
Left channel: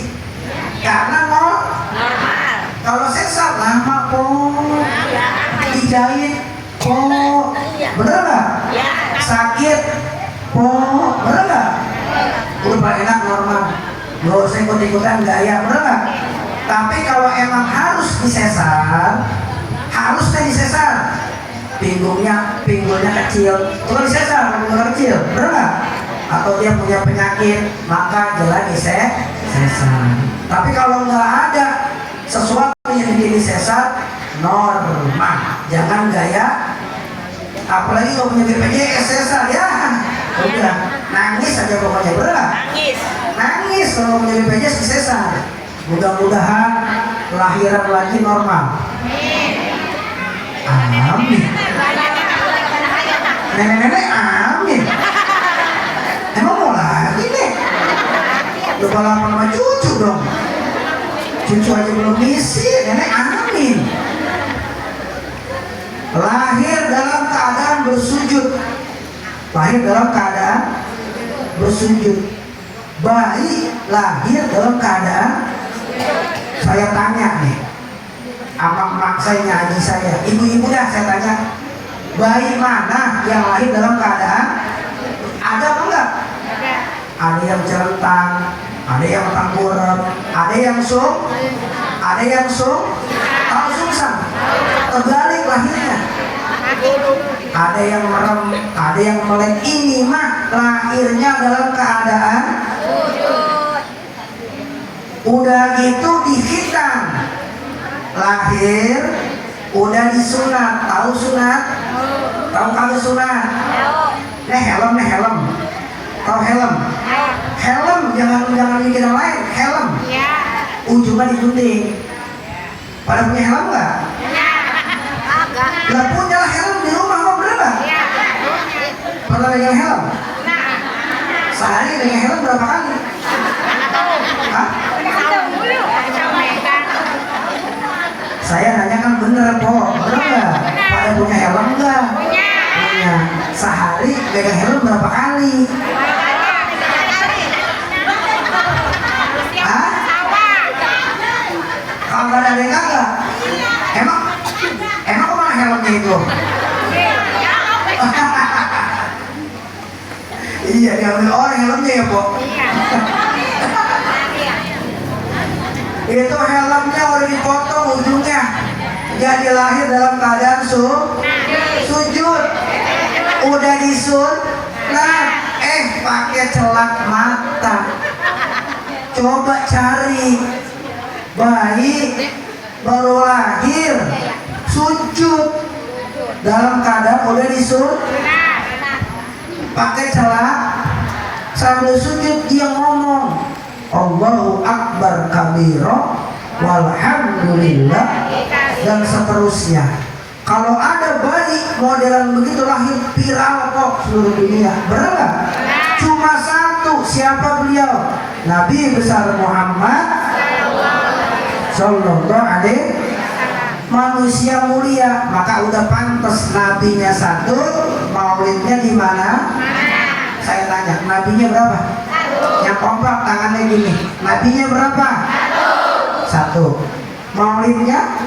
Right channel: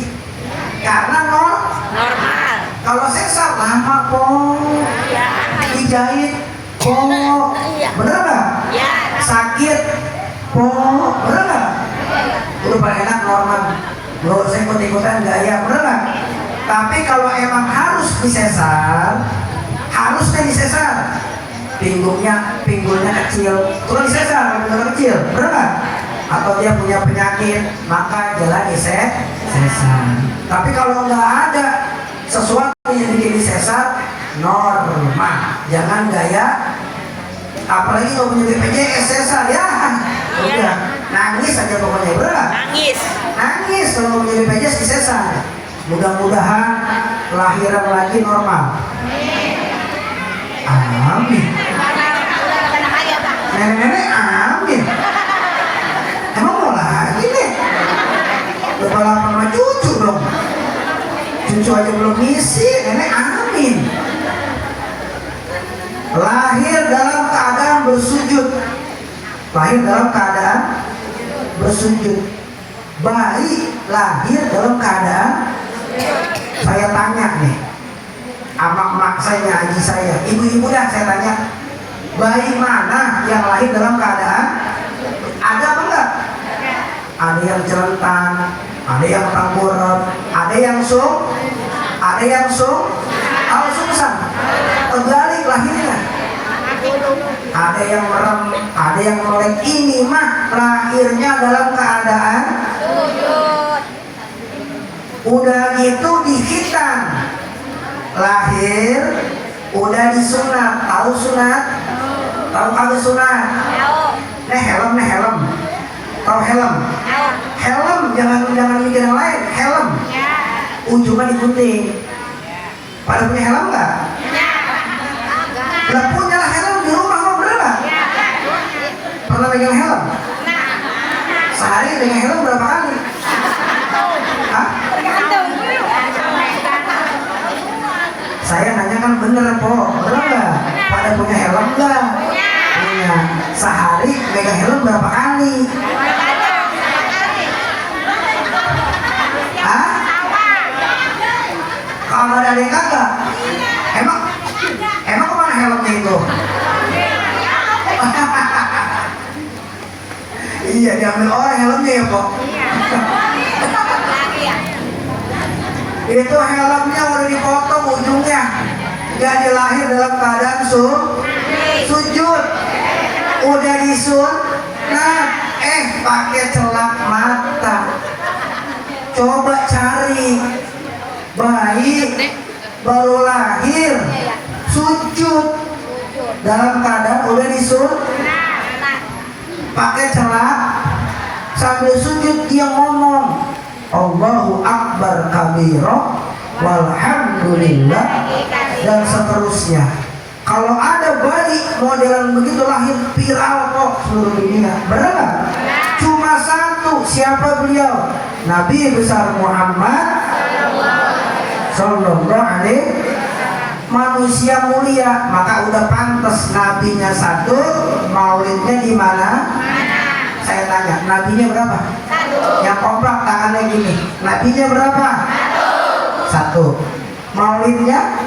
Karena Normal. kalau sesar lama po, dijahit po, bener nggak? Ya. Sakit po, bener nggak? Udah paling enak normal. Gak usah ikut-ikutan gaya, bener nggak? Tapi kalau emang harus disesar, harusnya disesar. Pinggulnya kecil, udah disesar, pinggulnya kecil, bener nggak? Atau dia punya penyakit, maka jalan disesar. Tapi kalau nggak ada sesuatu yang bikin disesar, normal. Jangan gaya, apalagi kalau punya BPJS sesar ya, udah nangis aja pokoknya, bener. Nangis kalau punya BPJS disesar. Mudah-mudahan lahiran lagi normal. Amin. Nenek-nenek amin. Emang mau lagi nih? Lu balapan sama cucu dong. Cucu aja belum isi, nenek amin. Lahir dalam keadaan bersujud. Lahir dalam keadaan bersujud. Bayi lahir dalam keadaan, saya tanya nih, sama mak saya, haji saya, ibu-ibu dah saya tanya, bayi mana yang lahir dalam keadaan ada apa enggak? Ada yang celentang, ada yang tengkurap, ada yang tahu sungsang, terbalik lahirnya. Ada yang merem, ada yang melek. Ini mah lahirnya dalam keadaan udah gitu dihitan. Lahir udah disunat. Tahu sunat? Tahu kagak sunat? Helm. Tahu helm? Helm jangan mikir yang lain. Helm ujungnya digunting. Pada punya helm nggak? Lah punya lah helm di rumah, kok bener nggak? Pernah pegang helm? Sehari pegang helm berapa kali? Hah? Saya nanya kan bener po, bener nggak? Pada punya helm nggak? Punya. Sehari pegang helm berapa kali? Hah? Kalau ada yang kagak? Emang kemana helmnya itu? Iya, diambil orang helmnya ya, Pok. Itu helmnya udah dipotong ujungnya. Jadi lahir dalam keadaan sujud. Udah disunat, pakai celak mata. Coba cari bayi baru lahir sujud dalam keadaan udah pakai celak, sambil sujud dia ngomong Allahu Akbar kabiro walhamdulillah dan seterusnya. Kalau ada bayi modelan begitu lahir viral kok seluruh dunia, benar nggak? Cuma satu, siapa beliau? Nabi besar Muhammad Sallallahu alaihi, manusia mulia, maka udah pantas nabinya satu, maulidnya di mana? Saya tanya, nabinya berapa? Yang kompak tangannya gini, nabinya berapa? Satu. Maulidnya?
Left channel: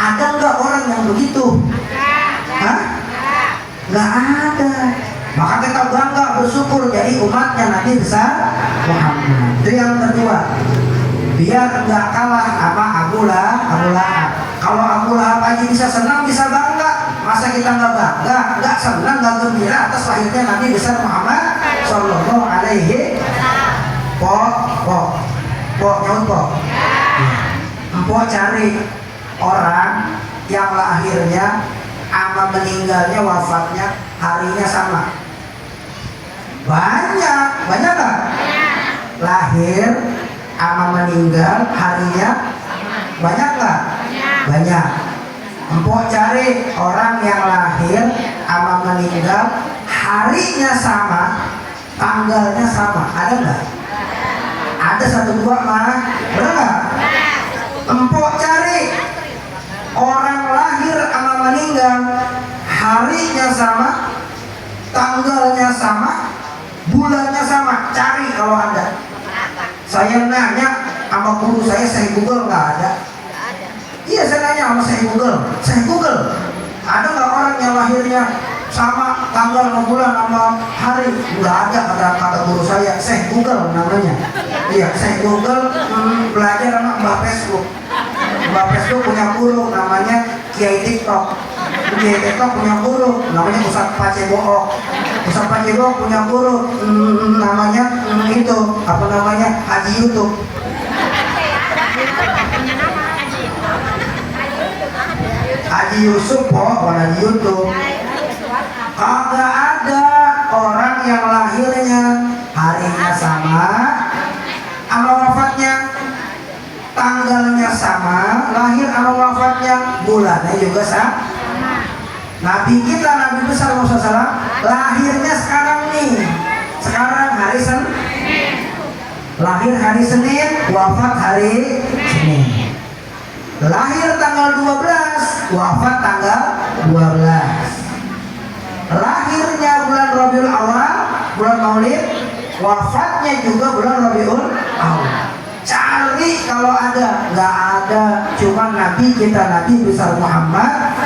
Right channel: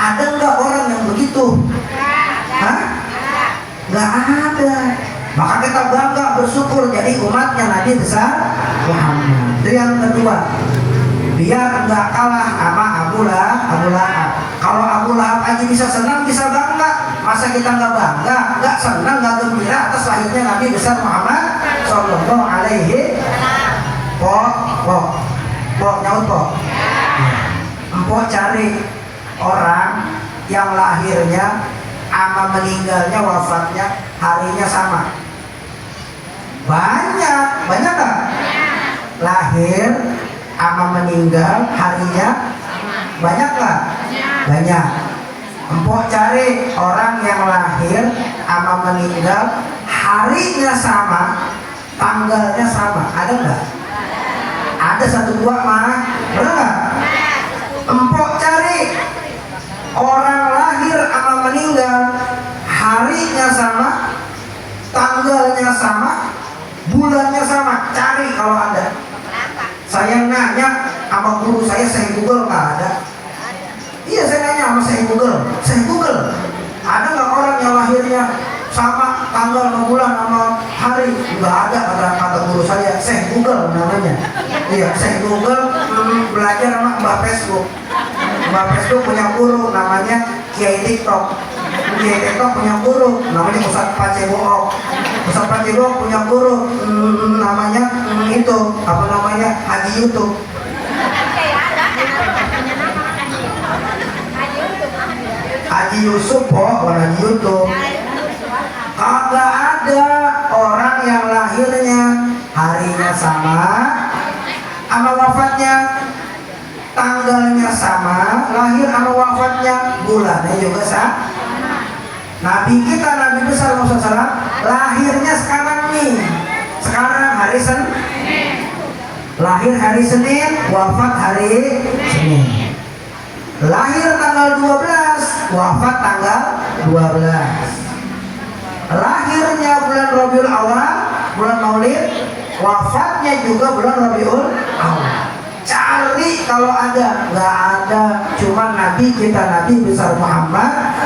Ada nggak orang yang begitu? Hah? Nggak ada. Maka kita bangga bersyukur jadi umatnya Nabi besar Muhammad. Itu yang kedua. Biar nggak kalah sama Abu Lahab. Kalau Abu Lahab aja bisa senang, bisa bangga, masa kita nggak bangga, nggak senang, nggak gembira atas lahirnya Nabi besar Muhammad Sallallahu alaihi. Nyaut. Empok cari orang yang lahirnya sama meninggalnya, wafatnya harinya sama. Banyak nggak? Lahir sama meninggal harinya banyak nggak? Banyak. Empok cari orang yang lahir sama meninggal, harinya sama, tanggalnya sama. Ada nggak? Ada 1 2 mah, benar nggak? Empok cari orang lahir sama meninggal, harinya sama, tanggalnya sama, bulannya sama. Cari kalau ada. Saya nanya sama guru saya Google nggak ada. Iya, saya nanya sama saya Google, ada nggak orang yang lahirnya sama tanggal sama bulan sama hari? Nggak ada, kata guru saya Google namanya. Iya, saya Google belajar sama Mbak Facebook. Mbak Facebook punya guru namanya Kiai TikTok. Kiai TikTok punya guru namanya Ustaz Pacebook. Ustaz Pacebook punya guru namanya itu apa namanya Haji YouTube. Haji Yusuf bukan Haji YouTube. Kagak ada orang yang lahirnya harinya sama wafatnya, tanggalnya sama, lahir sama wafatnya, bulannya juga sama. Nabi kita, Nabi besar Muhammad SAW, lahirnya sekarang nih, sekarang hari Senin, lahir hari Senin, wafat hari Senin. Lahir tanggal 12, wafat tanggal 12. Lahirnya bulan Rabiul Awal, bulan Maulid, wafatnya juga bulan Rabiul Awal. Cari kalau ada, nggak ada. Cuma Nabi kita, Nabi besar Muhammad.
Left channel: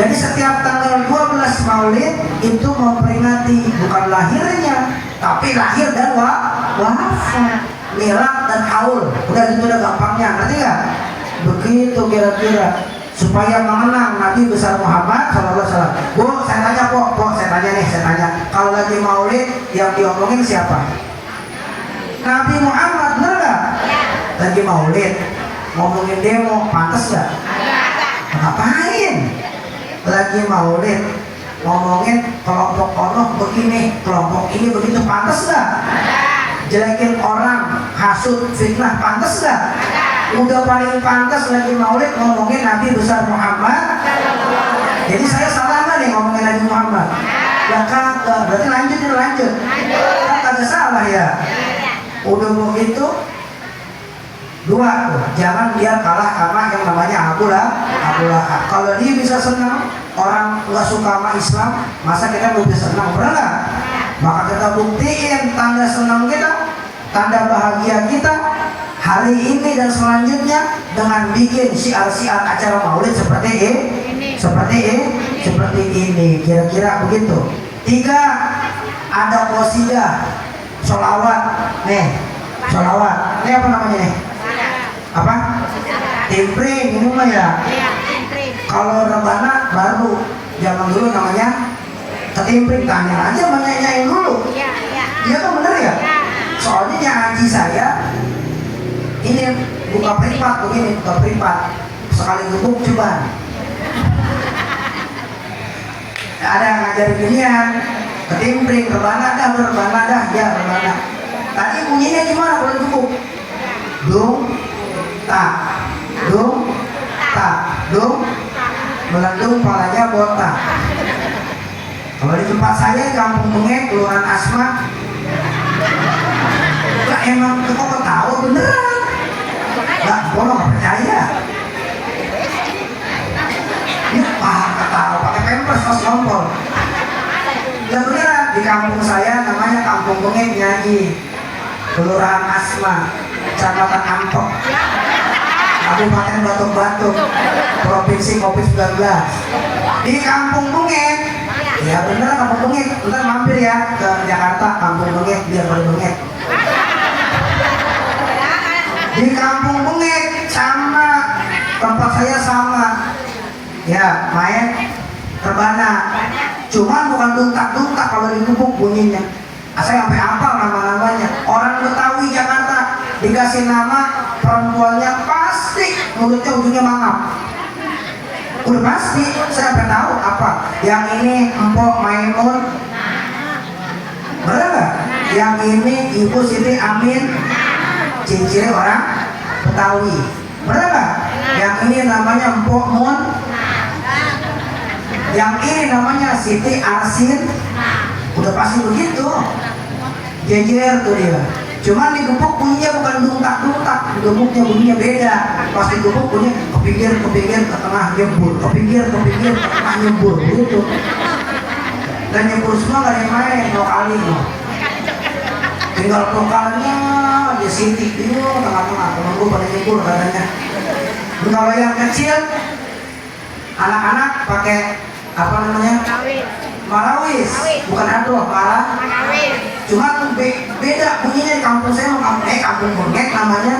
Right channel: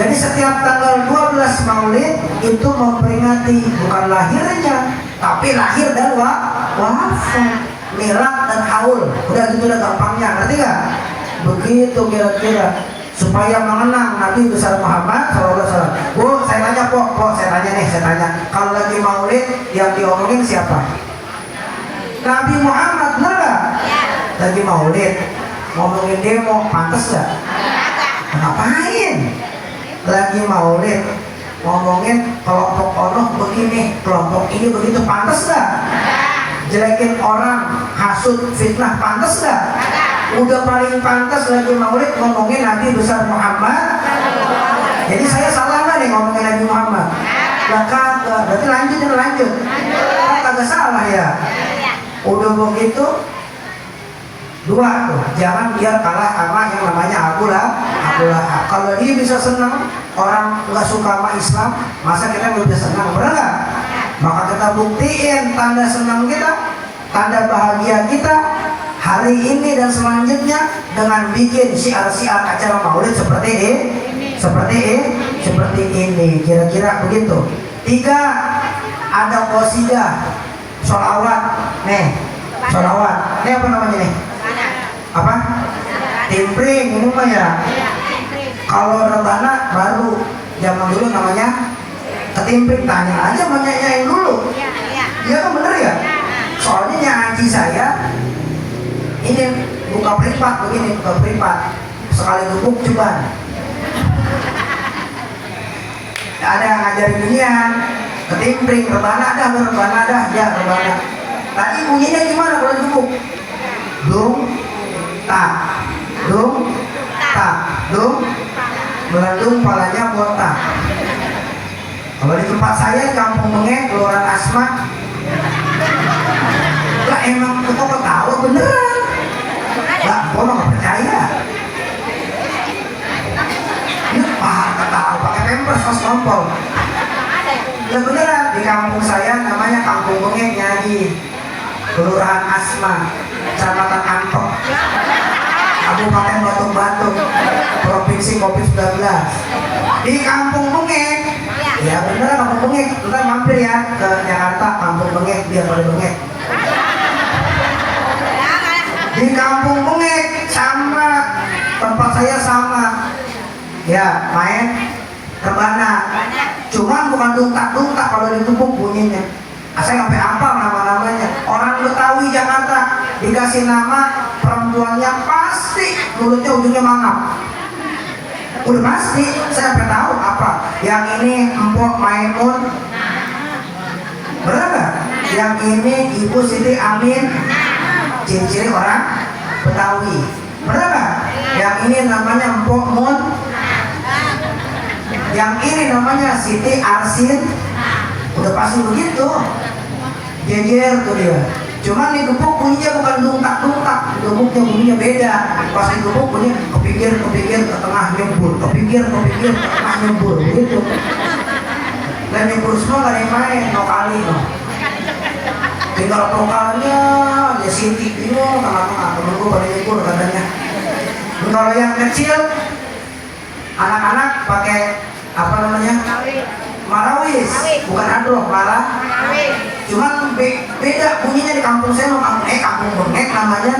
Jadi setiap tanggal 12 Maulid itu memperingati bukan lahirnya, tapi lahir dan wafat, milad dan haul. Udah gitu, udah gampangnya, ngerti nggak? Begitu kira-kira supaya mengenang Nabi besar Muhammad SAW. Bu, saya tanya saya tanya. Kalau lagi Maulid yang diomongin siapa? Nabi Muhammad, bener nggak? Lagi Maulid ngomongin demo, pantas nggak? Ngapain? Lagi Maulid ngomongin kelompok ono begini, kelompok ini begitu, pantas nggak? Jelekin orang, hasut, fitnah, pantas nggak? Udah paling pantas lagi Maulid ngomongin Nabi besar Muhammad. Jadi saya salah nggak nih ngomongin Nabi Muhammad? Ya kagak, berarti lanjut. Kagak salah ya. Udah begitu, 2 tuh, jangan biar kalah sama yang namanya Abu Lahab. Kalau dia bisa senang, orang nggak suka sama Islam, masa kita nggak bisa senang, benar nggak? Maka kita buktiin tanda senang kita, tanda bahagia kita hari ini dan selanjutnya dengan bikin syiar-syiar acara Maulid seperti ini. Kira-kira begitu. 3, ada qasidah, sholawat. Sholawat. Ini apa namanya nih? Apa? Timpring, ini mah ya. Kalau rebana baru, zaman dulu namanya ketimpring. Tanya aja, menyanyiin dulu. Iya kan, bener ya? Soalnya nyanyi saya ini buka privat begini, sekali duduk coba. Ada yang ngajarin ginian, ketimpring, rebana dah, ya rebana. Tadi bunyinya gimana kalau duduk? Dung, tak, melendung palanya botak. Kalau di tempat saya di Kampung Bengek, Kelurahan Asma, emang kita ketawa beneran. Nggak, gua nggak percaya. Ini ketawa pakai pampers pas ngompol. Nggak beneran. Di kampung saya namanya Kampung Bengek nyanyi, Kelurahan Asma, Kecamatan Ampok, Kabupaten Batung, Provinsi COVID-19. Di Kampung Bengek, ya bener Kampung Bengek. Ntar mampir ya ke Jakarta, Kampung Bengek, biar pada Bengek. Di Kampung Bengek sama tempat saya sama, ya main rebana. Cuma bukan duntak kalau ditumpuk bunyinya. Saya sampai hafal nama-namanya. Orang Betawi Jakarta dikasih nama perempuannya pasti mulutnya ujungnya mangap. Udah pasti, saya sampai tahu apa. Yang ini Empok Mainun, bener nggak? Yang ini Ibu Siti Amin, ciri-ciri orang Betawi, bener nggak? Yang ini namanya Empok Mun, Yang ini namanya Siti Arsin. Udah pasti begitu. Jejer tuh dia. Cuman digebuk bunyinya bukan dungtak-dungtak, digebuknya bunyinya beda. Pas digebuk bunyi kepinggir ke tengah nyebur, kepinggir ke tengah nyebur gitu. Dan nyebur semua gak ada yang main, no kali no. Tinggal vokalnya aja Siti itu tengah-tengah, temen gue pada nyebur katanya. Kalau yang kecil, anak-anak pakai apa namanya? Marawis, bukan adroh, malah. Cuman beda bunyinya di kampung saya, kampung bengek namanya.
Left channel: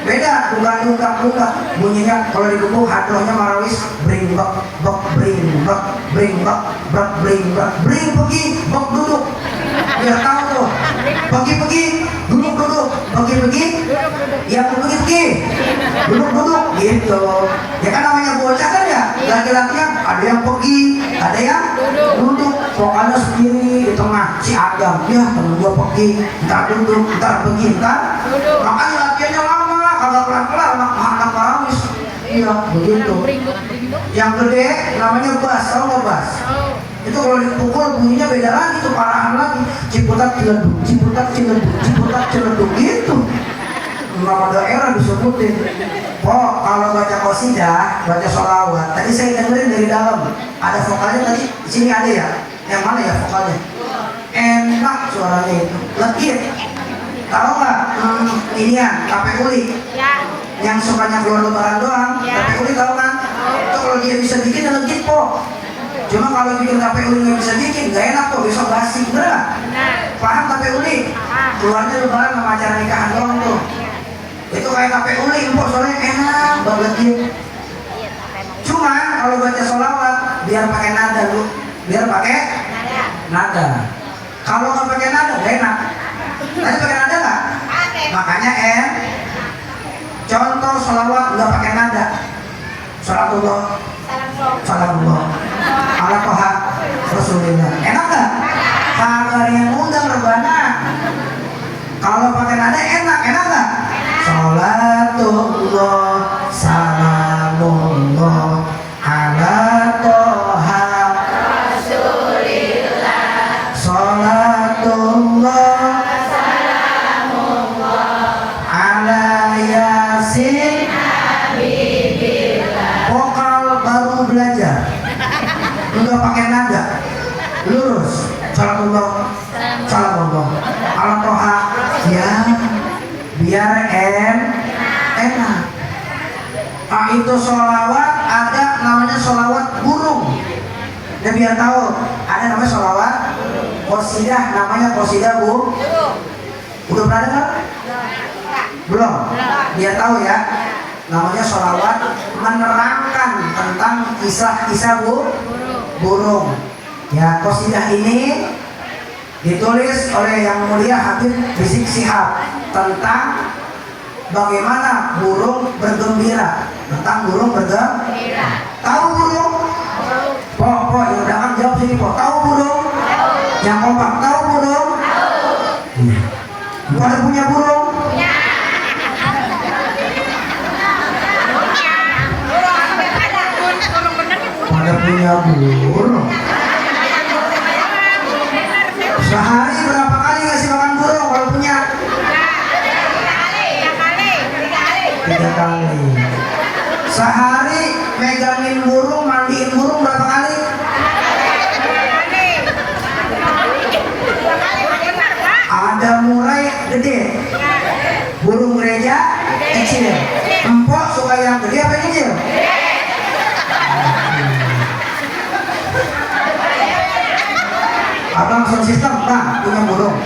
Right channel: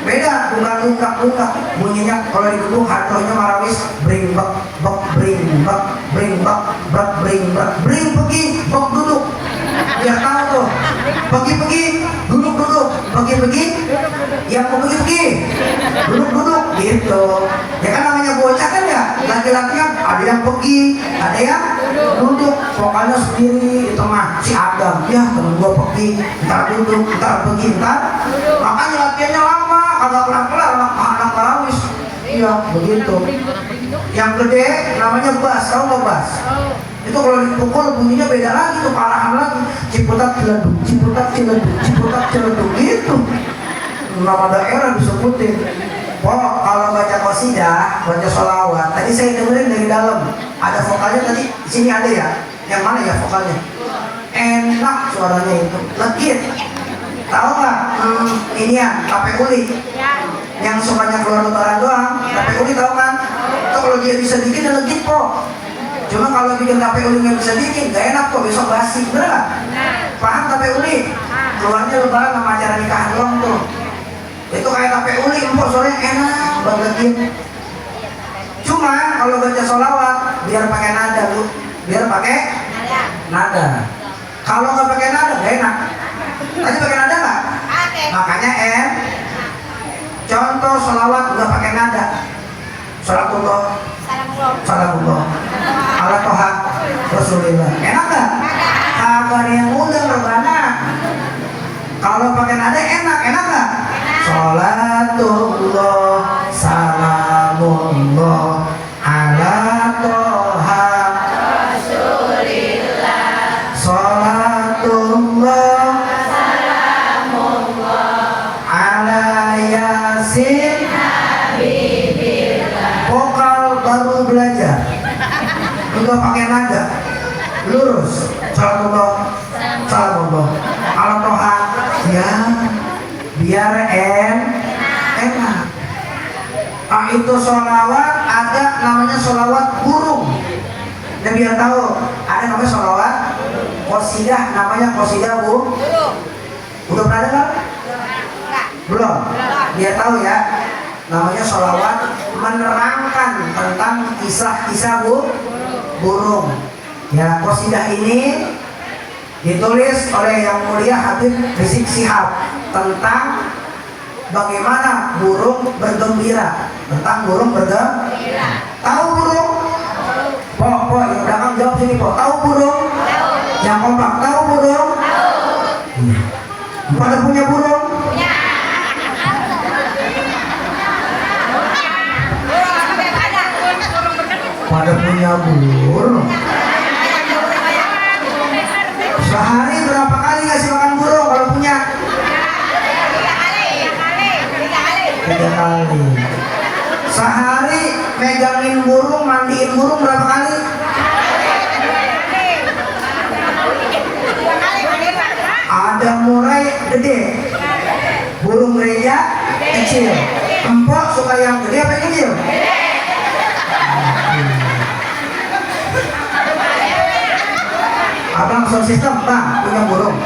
Beda, bukan lunggak bunyinya. Kalau digebuk hadrohnya marawis, bring bak bring bak bring bak bring pergi bak duduk. Biar tahu tuh, pergi duduk pergi yang mau pergi duduk gitu. Ya kan namanya bocah kan ya, laki-laki kan ada yang pergi, ada yang duduk. Pokoknya sendiri di tengah si Adam, ya temen gua pergi, ntar duduk, ntar pergi, ntar. Makanya latihannya lama, kagak pelan-pelan anak marawis. Iya begitu. Yang gede namanya bass, tau nggak bass? Itu kalau dipukul bunyinya beda lagi tuh, parahan lagi. Ciputat ciledug gitu. Nama daerah disebutin. Oh, kalau baca qasidah, baca sholawat, tadi saya dengerin dari dalam. Ada vokalnya tadi, di sini ada ya. Yang mana ya vokalnya? Enak suaranya itu, legit. Tahu nggak? Ini ya, tape uli. Yang sukanya keluar lebaran doang, tape uli tahu kan? Itu kalau dia bisa bikin legit kok. Cuma kalau bikin tape uli nggak bisa bikin, nggak enak kok, besok basi, bener nggak? Paham tape uli? Keluarnya lebaran sama acara nikahan doang tuh. Itu kayak tape uli, empuk soalnya enak banget gitu. Cuma kalau baca sholawat biar pakai nada bu, biar pakai nada. Kalau nggak pakai nada nggak enak. Tadi pakai nada nggak? Makanya contoh sholawat nggak pakai nada. Salatullah, salamullah, ala toha rasulillah. Enak nggak? Kagak yang undang berbana. Kalau pakai nada enak nggak? Salatullah, salamullah, ala toha rasulillah. Salatullah, salamullah, ala yasin habibillah. Vokal baru belajar, udah pakai nada, lurus. Salatullah, salamullah, ala toha, ya biar enak. Itu sholawat ada namanya sholawat burung. Dan biar tahu ada namanya sholawat qasidah, namanya qasidah bu. Udah pernah dengar? Belum? Biar tahu ya, namanya sholawat menerangkan tentang kisah-kisah burung. Ya, qasidah ini ditulis oleh Yang Mulia Habib Rizik Syihab tentang bagaimana burung bergembira. Tahu burung? Po, yang belakang jawab sini po. Tahu burung? Yang kompak tahu burung? Pada punya burung? Pada punya burung. Sehari berapa kali ngasih makan burung kalau punya? 3 kali. Sehari megangin burung, mandiin burung berapa kali? Ada murai gede, burung gereja kecil. Empok suka yang gede apa yang kecil? Abang sound system, bang punya burung?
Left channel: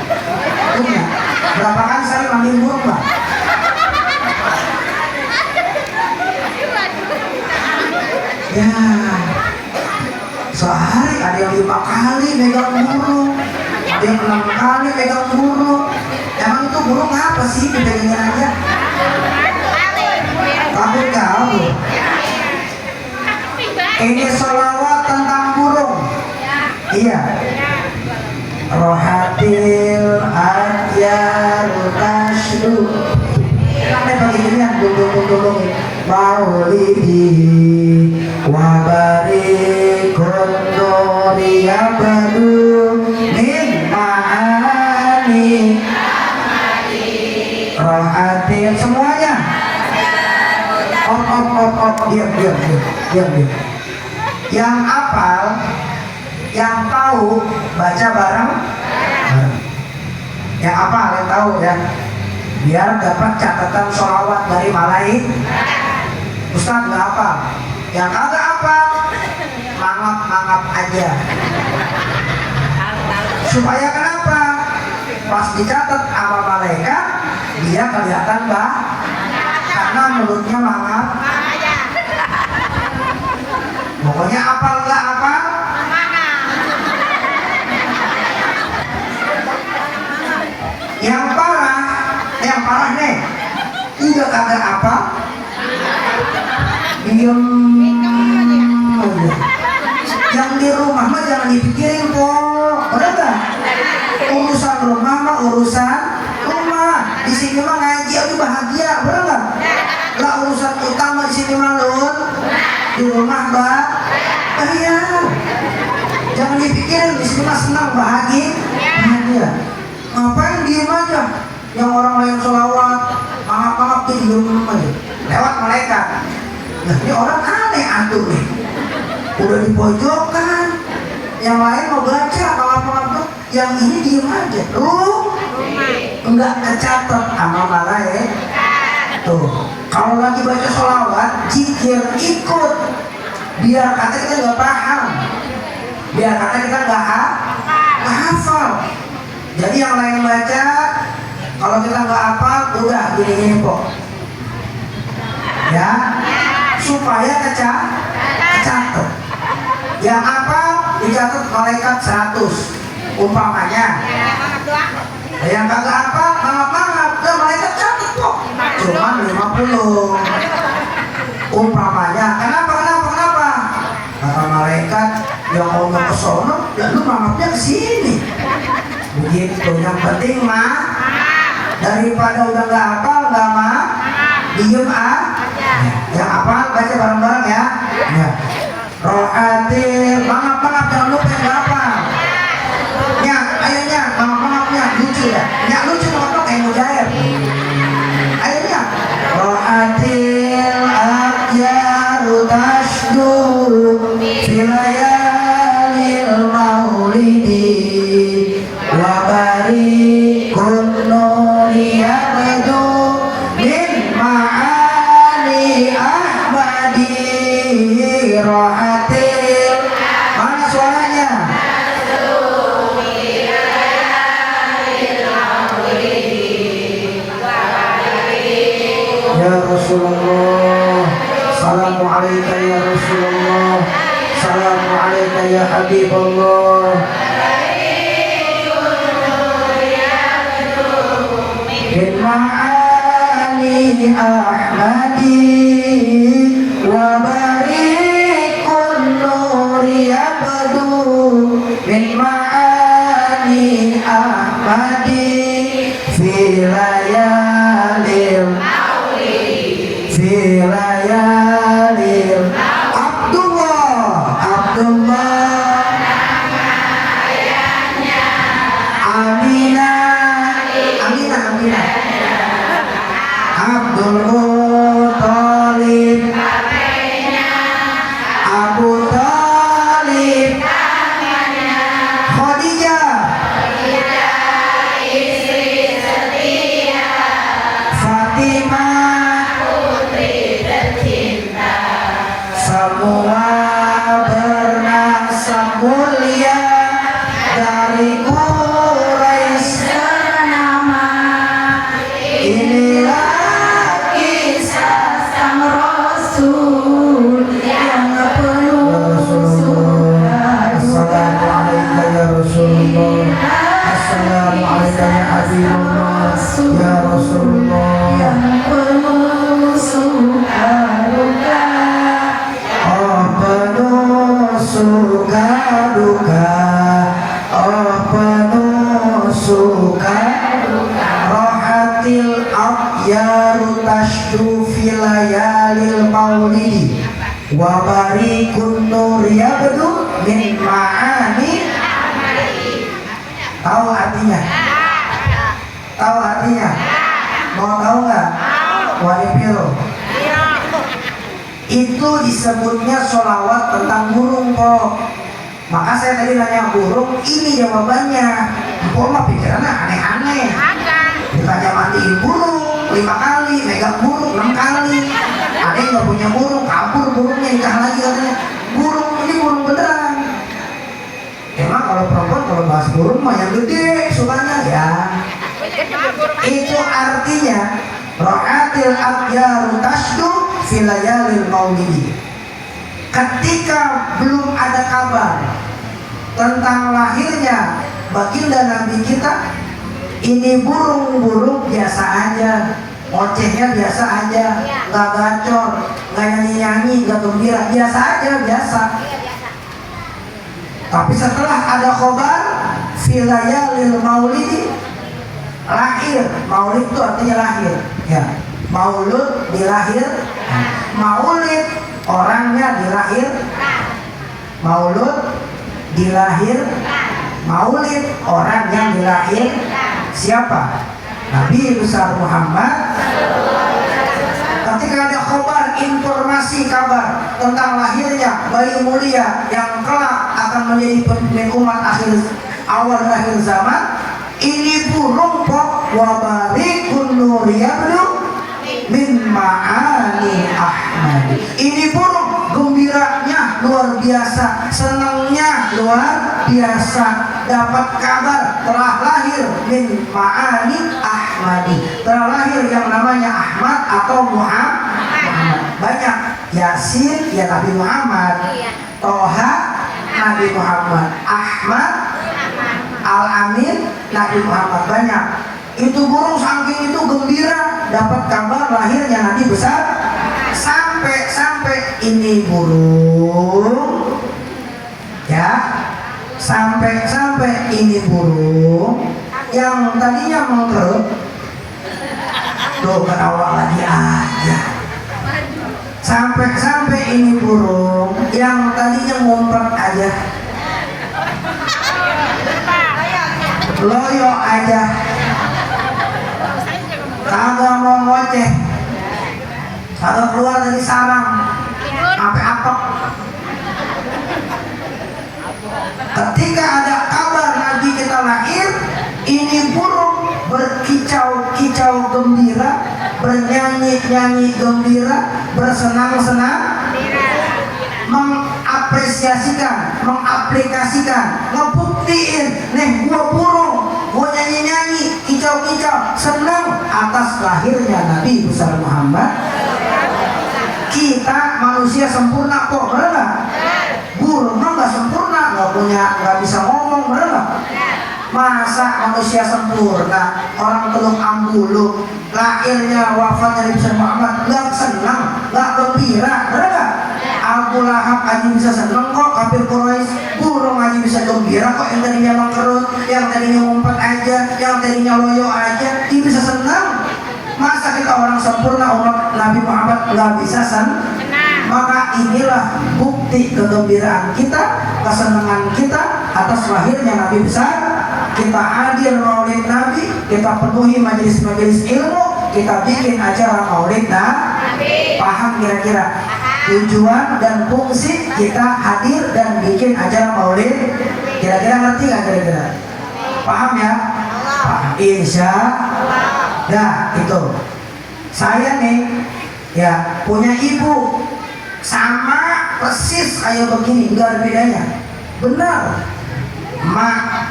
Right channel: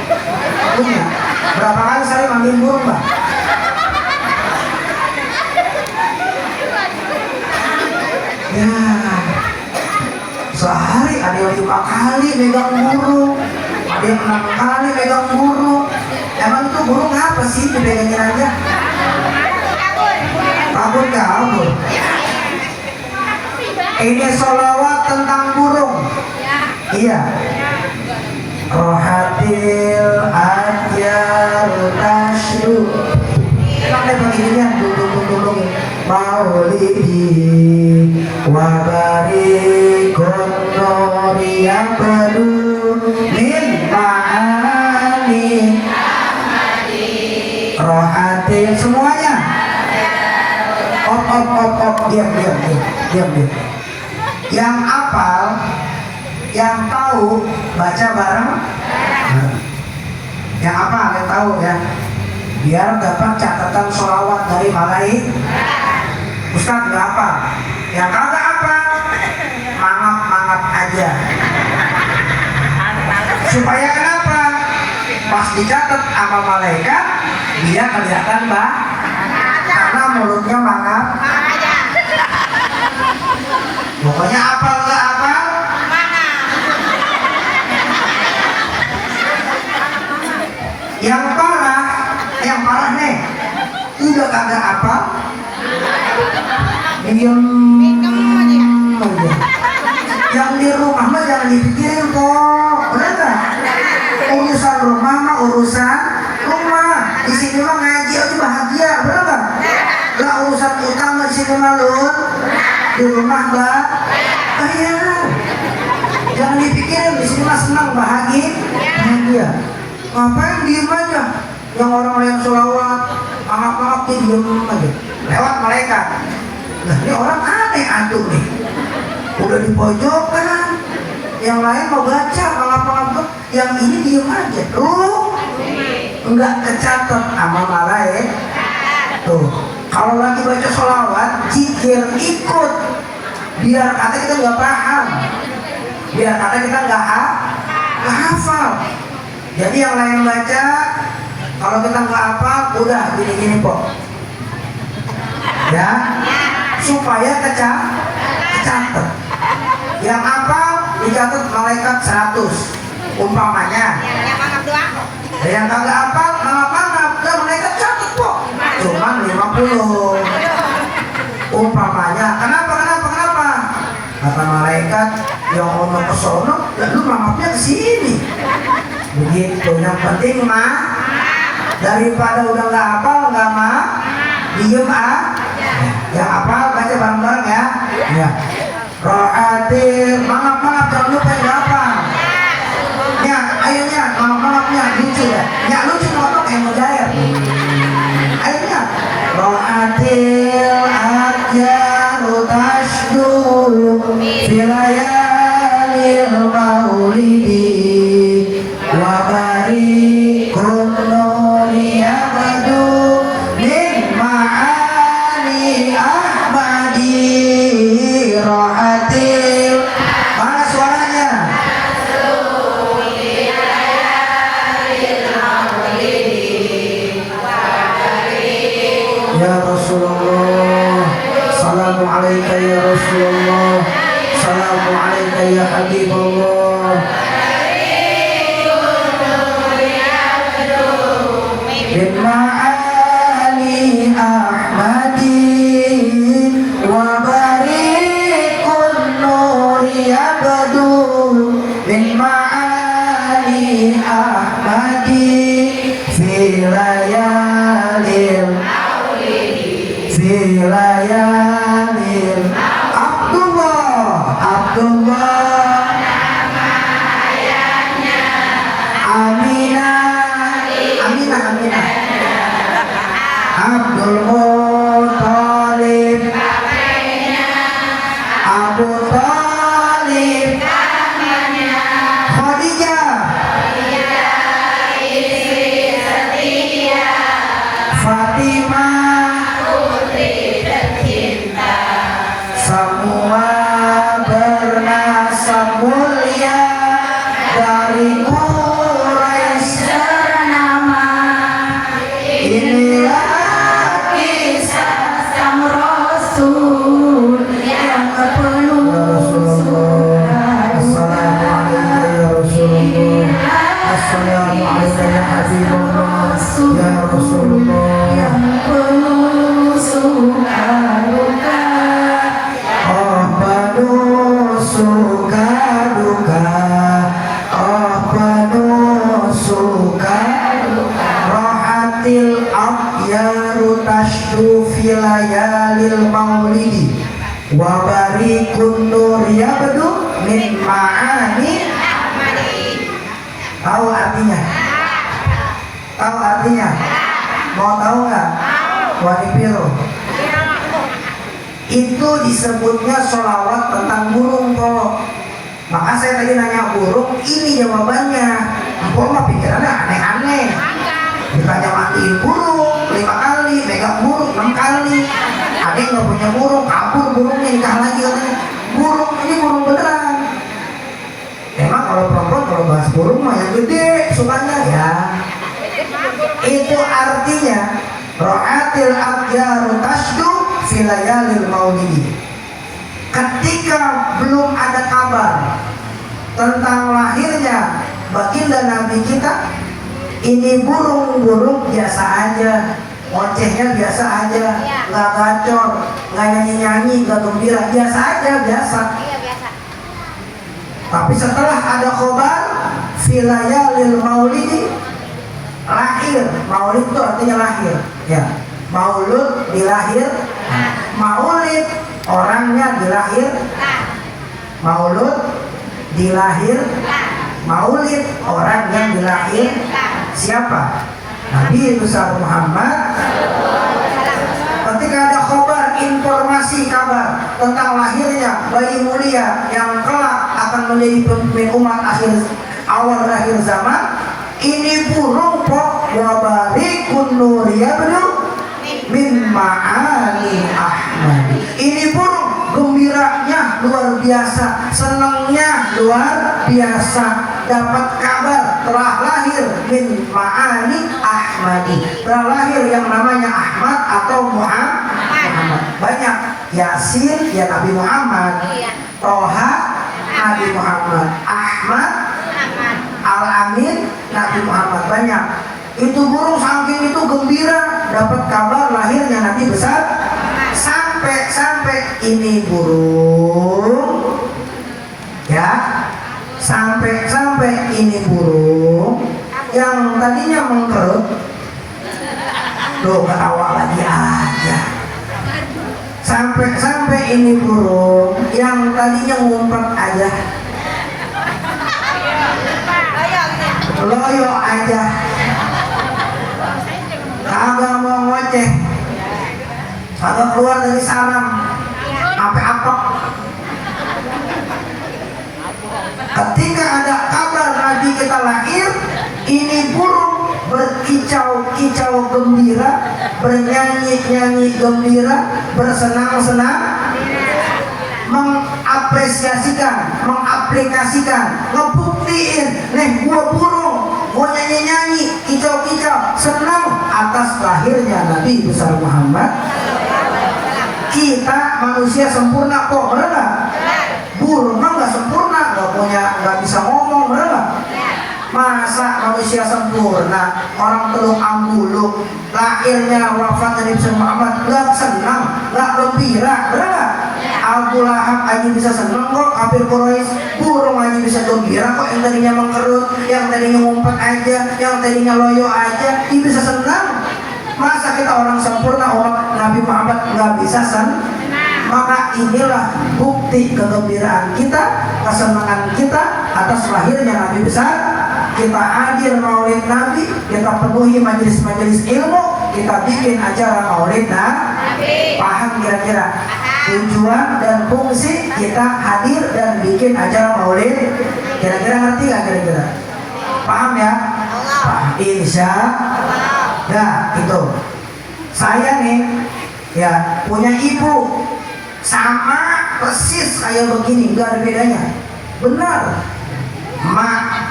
Punya. Berapa kali sehari mandiin burung bang? Ya, sehari ada yang 5 kali megang burung, ada yang 6 kali megang burung. Emang itu burung apa sih bedanya aja? Takut kabur. Ini sholawat tentang burung. Iya. Rohatil atyar tasdu. Sampai pagi ini yang dulu maulidi wa barikun Ahmadu min ma'ani rohatil. Semuanya diam. Yang hafal, yang tahu baca bareng. Yang hafal, yang tahu ya, biar dapat catatan sholawat dari malaikat. Ustaz nggak hafal, yang kagak hafal mangap aja. Supaya kenapa? Pas dicatat sama malaikat dia kelihatan karena mulutnya mangap. Pokoknya hafal nggak hafal yang parah nih udah kagak hafal diem aja. Yang di rumah mah jangan dipikirin kok, bener gak? Urusan rumah mah urusan rumah. Di sini mah ngaji aja bahagia, bener gak? Lah urusan utama di sini mah lun, di rumah bahaya. Jangan dipikirin, di sini mah senang bahagia. Ngapain diem aja? Yang orang lain sholawat, maaf dia diem aja. Lewat malaikat. Nah ini orang aneh atuh nih. Udah di pojokan, yang lain mau baca maaf, yang ini diem aja. Enggak kecatat amal malaikat. Tuh, kalau lagi baca sholawat, zikir ikut. Biar kata kita nggak paham, biar kata kita nggak hafal. Jadi yang lain baca, kalau kita nggak hafal, udah gini kok. Ya, supaya kecatat. Yang hafal dicatat malaikat 100 umpamanya. Yang kagak hafal maaf, dan malaikat catat kok. Cuma 50 umpamanya. Kenapa? Kata malaikat yang ngomong ke sono, ya lu maafnya ke sini. Begitu. Yang penting mah daripada udah nggak hafal nggak maaf, diem yang hafal baca bareng-bareng ya. Rohatil, maaf jangan lupa yang hafal. Ya, ayonya maafnya lucu ya. Ya lucu ngomong kayak mujair. Ayonya. Rohatil akyaru tasdu filayalil maulidi wa barikun nuri abadu min ma'ani ahmadi rohatil. Mana suaranya? Ya Rasulullah, salamu alaika ya Rasulullah, salamu alaika ya Habibullah. Bin ma'ani ahmadi wa barikun nuri abadu bin ma'ani ahmadi fi layalil Abdullah Aminah Abdul Muttalib Abu Talib Khadijah Fatimah semua bernasab mulia dari Quraisy ternama. Inilah kisah sang Rasul yang penuh surga. Assalamualaikum ya Rasulullah. Assalamualaikum ya Rasulullah. Yang penuh surga. Rohatil abyaru tashdu filayalil maulidi wa barikun nur yabdu min ma'ani Tahu artinya? Tahu artinya? Mau tahu nggak? Waripiro. Itu disebutnya sholawat tentang burung, kok. Maka saya tadi nanya burung, ini jawabannya. Empok mah pikirannya aneh-aneh. Ditanya mandiin burung 5 kali, megang burung 6 kali. Ada yang nggak punya burung, kabur burungnya, nikah lagi katanya. Burung ini burung beneran. Emang kalau perempuan kalau bahas burung mah yang gede sukanya ya. Itu artinya ro'atil adyaru tasdu filayalil maulidi. Ketika belum ada kabar tentang lahirnya baginda Nabi kita, ini burung-burung biasa aja, ocehnya biasa aja, nggak gacor, nggak nyanyi-nyanyi, nggak gembira, biasa aja, biasa. Tapi setelah ada khobar filayalil maulidi, lahir. Maulid itu artinya lahir, ya. Maulud dilahir, maulid orangnya dilahir, maulud dilahir, maulid orang yang dilahir. Siapa? Nabi besar Muhammad. Ketika ada kabar, informasi kabar tentang lahirnya bayi mulia yang kelak akan menjadi pemimpin umat awal akhir zaman, ini burung pok wabarikun nur yabdu min ma'ani Ahmad. Ini burung gembiranya luar biasa, senangnya luar biasa, dapat kabar telah lahir min ma'ani Ahmadi, telah lahir yang namanya Ahmad atau Muhammad. Banyak. Yasin ya Nabi Muhammad, Toha Nabi Muhammad, Ahmad Al-Amin Nabi Muhammad. Banyak. Itu burung saking itu gembira dapat kabar lahirnya Nabi besar. Sampai ini burung, ya, sampai ini burung yang tadinya mengkerut, tuh ketawa lagi aja. Sampai ini burung yang tadinya ngumpet aja, loyo aja, kagak mau ngoceh, kagak keluar dari sarang, sampai apa? Ketika ada kabar Nabi kita lahir, ini burung berkicau-kicau gembira, bernyanyi-nyanyi gembira, bersenang-senang, mengapresiasikan, mengaplikasikan, ngebuktiin, nih gua burung, gua nyanyi-nyanyi, kicau-kicau, senang atas lahirnya Nabi besar Muhammad. Kita manusia sempurna kok, bener nggak? Burung mah nggak sempurna, nggak bisa ngomong, bener nggak? Masa manusia sempurna, orang teluk ambulu, lahirnya wafatnya Nabi besar Muhammad, nggak senang, nggak gembira, bener nggak? Abu Lahab aja bisa senang kok, kafir Quraisy. Burung aja bisa gembira kok, yang tadinya mengkerut, yang tadinya ngumpet aja, yang tadinya loyo aja, dia bisa senang. Masa kita orang sempurna, umat Nabi Muhammad nggak bisa senang? Maka inilah bukti kegembiraan kita, kesenangan kita atas lahirnya Nabi besar. Kita hadir maulid Nabi, kita penuhi majelis-majelis ilmu, kita bikin acara maulid Nabi. Paham kira-kira tujuan dan fungsi kita hadir dan bikin acara maulid? Kira-kira ngerti nggak kira-kira? Paham ya? Paham. Insya ya itu. Saya nih ya punya ibu sama persis kayak begini, nggak ada bedanya. Benar. Mak,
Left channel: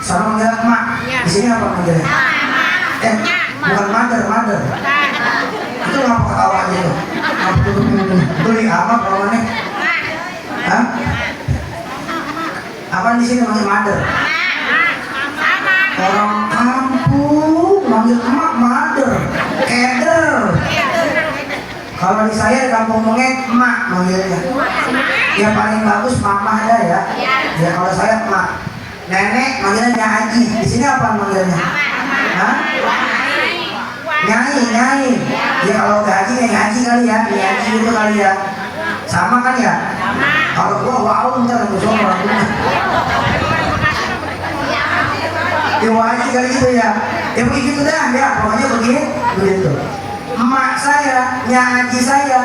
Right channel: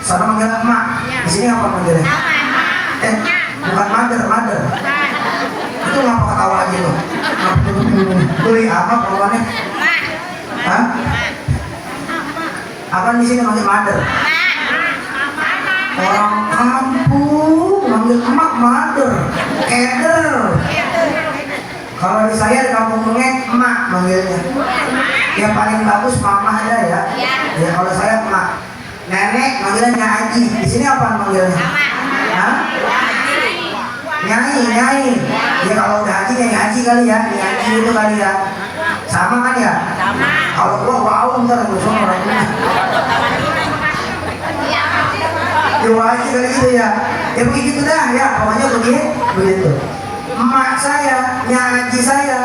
seorang manggil mak. Di sini apa manggilnya? Bukan mother. Itu ngapa ketawa aja loh? Beli apa kawannya? Hah? Apa di sini manggil mother? Orang kampung manggil emak mother, keder. Kalau di saya di kampung Mengek emak manggilnya. Yang paling bagus mama ada ya. Ya kalau saya emak. Nenek manggilnya Haji. Di sini apa manggilnya? Hah? Nyai. Ya kalau udah haji ya haji kali ya, haji itu kali ya. Sama kan ya? Kalau gua wow ntar gua sama orang. Ya wajib kali gitu ya. Ya begitu dah ya, pokoknya begitu. Emak saya, nyaji saya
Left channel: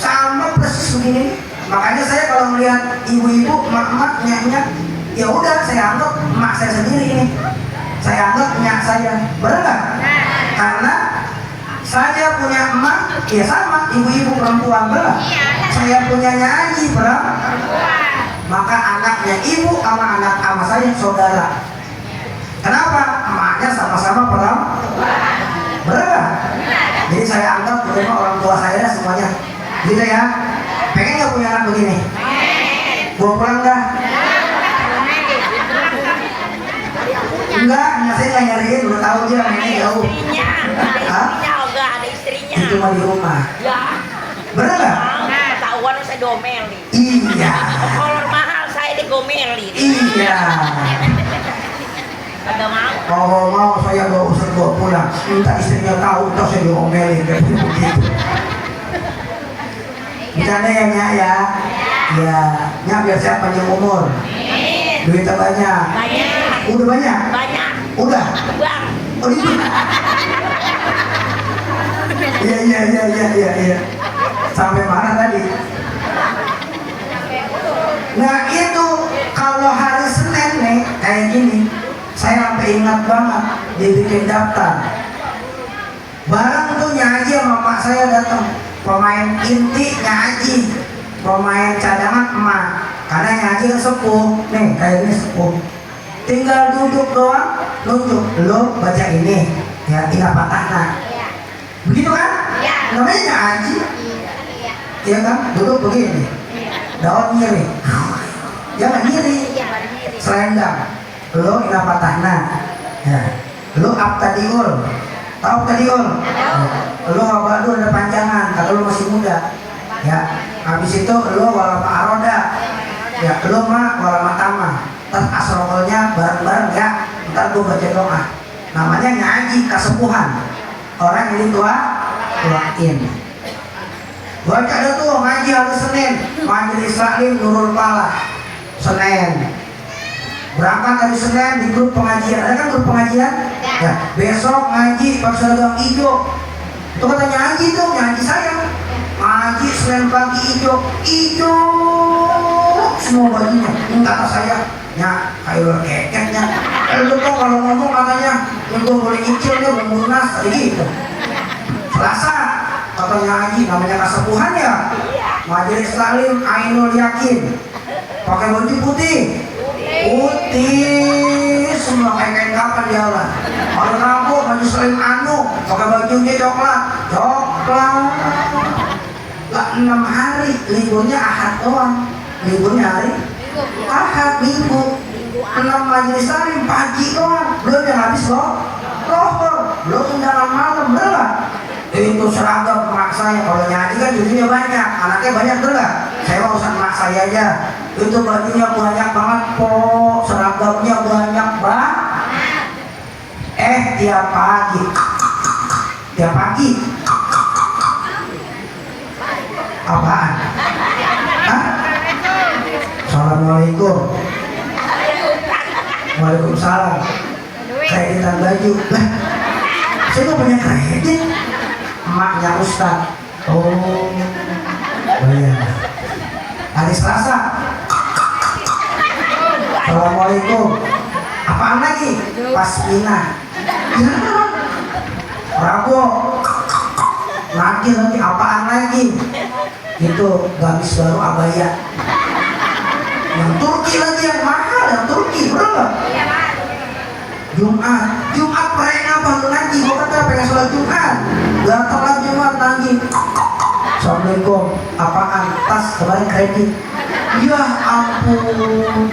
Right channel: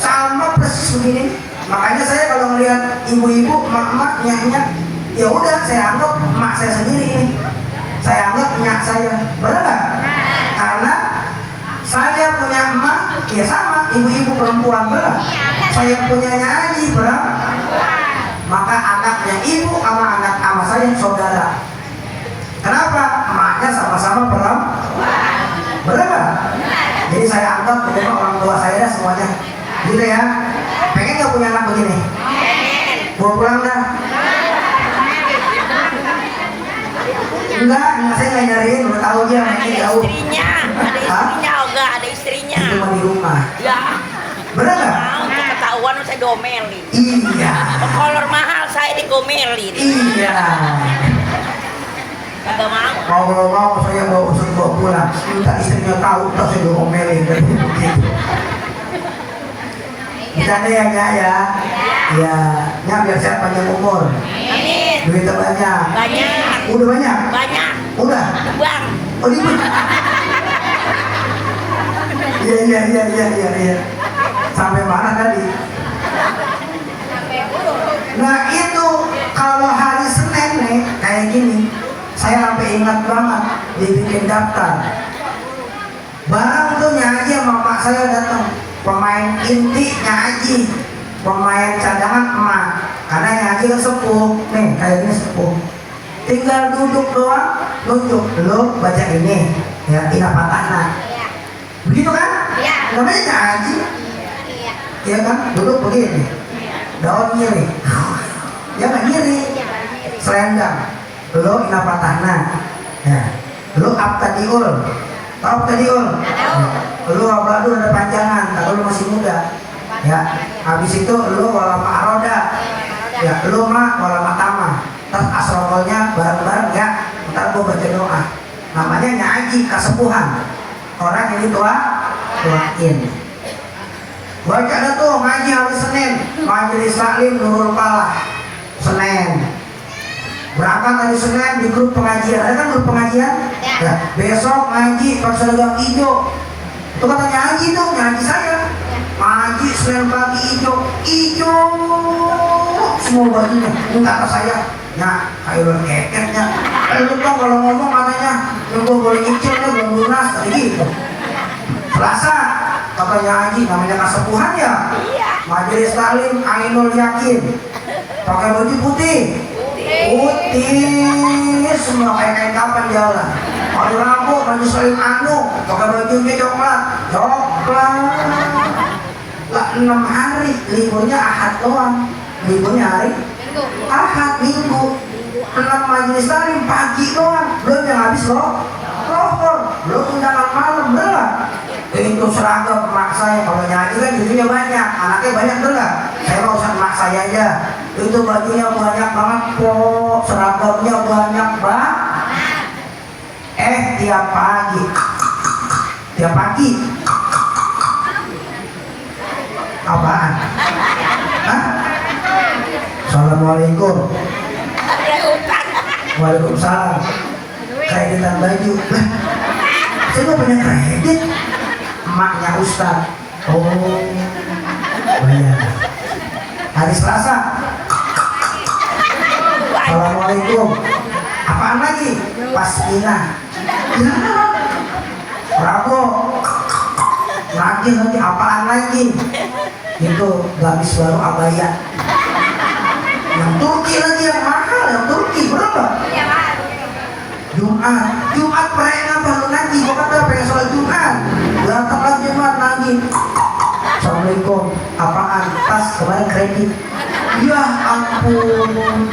sama persis begini. Makanya saya kalau melihat ibu-ibu, emak-emak, nyak-nyak, ya udah saya anggap emak saya sendiri ini. Saya anggap nyak saya. Benar nggak? Karena saya punya emak, ya sama ibu-ibu perempuan, benar. Saya punya nyaji perempuan. Maka anaknya ibu sama anak ama saya saudara. Kenapa? Emaknya sama-sama perempuan. Benar nggak? Jadi saya anggap benar orang tua saya dah semuanya. Gitu ya. Pengen nggak punya anak begini? Bawa pulang dah. Enggak, anak saya nggak nyariin, udah tahu dia anaknya jauh. Ada istrinya. Itu mah di rumah. Ya. Benar nggak? Ketahuan saya domeli. Iya. Kolor mahal saya digomeli. Iya. Kagak mau. Kalau mau saya bawa pulang. Minta istrinya tahu, terus saya diomelin kayak begitu. Bercanda ya Nyak ya. Ya, Nyak biar sehat panjang umur. Duitnya banyak. Banyak. Udah banyak? Banyak. Udah? Bang. Oh gitu? Iya. Sampai mana tadi? Nah itu kalau hari Senin nih kayak gini, saya sampai ingat banget dibikin daftar. Barang tuh nyaji sama mak saya datang, pemain inti nyaji, pemain cadangan emak. Karena nyaji kan sepuh, nih kayak ini sepuh. Tinggal duduk doang, nunjuk, lo baca ini, ya ina patahna. Begitu kan? Namanya nyaji. Iya kan? Duduk begini. Daun ngiri. Jangan ngiri. Selendang. Lo ina patahna. Ya. Lo abtadiul. Tahu abtadiul? Lo abadul ada panjangan. Kalau lo masih muda. Ya. Habis itu lo wala ma'aroda. Ya. Lo ma wala matama. Terus asrolnya bareng-bareng ya. Ntar gue baca doa. Namanya nyaji kesepuhan. Orang ini tuain. Baca ada tuh ngaji hari Senin, Majelis Taklim Nurul Falah. Senin. Berangkat hari Senin di grup pengajian. Ada kan grup pengajian? Ya. Besok ngaji pas seragam hijau. Itu kata nyaji tuh, nyaji saya. Ngaji Senin pagi hijau. Semua bajunya. Ini kata saya. Ya, kayak keketnya. Itu tuh kalau ngomong katanya untuk boleh nyicilnya belum lunas, kayak gitu. Selasa katanya haji namanya kesepuhan ya. Majelis Taklim Ainul Yakin. Pakai baju putih. Putih semua kayak kapan jalan. Hari Rabu Majelis Taklim Anu pakai bajunya coklat. Lah 6 hari liburnya Ahad doang. Liburnya hari Ahad Minggu. 6 majelis taklim pagi doang, belum yang habis loh. Lohor, belum undangan malam, belah. Itu seragam mak saya, kalau nyanyi kan bajunya banyak, anaknya banyak belah. Saya mau urusan mak saya aja. Itu bajunya banyak banget kok, seragamnya banyak banget. Tiap pagi. Apaan? Hah? Assalamualaikum. Waalaikumsalam. Kreditan baju. Lah, saya mau punya kredit. Emaknya Ustaz. Oh iya. Hari Selasa. Assalamualaikum. Apaan lagi? Pasmina. Ya. Rabu. Lagi apaan lagi? Itu gamis baru abaya. Yang Turki lagi yang mahal, yang Turki berapa? Jumat mereka baru ngaji, gua kata pengen sholat Jumat. Datanglah Jumat lagi. Assalamualaikum, apaan? Tas kemarin kredit. Ya ampun.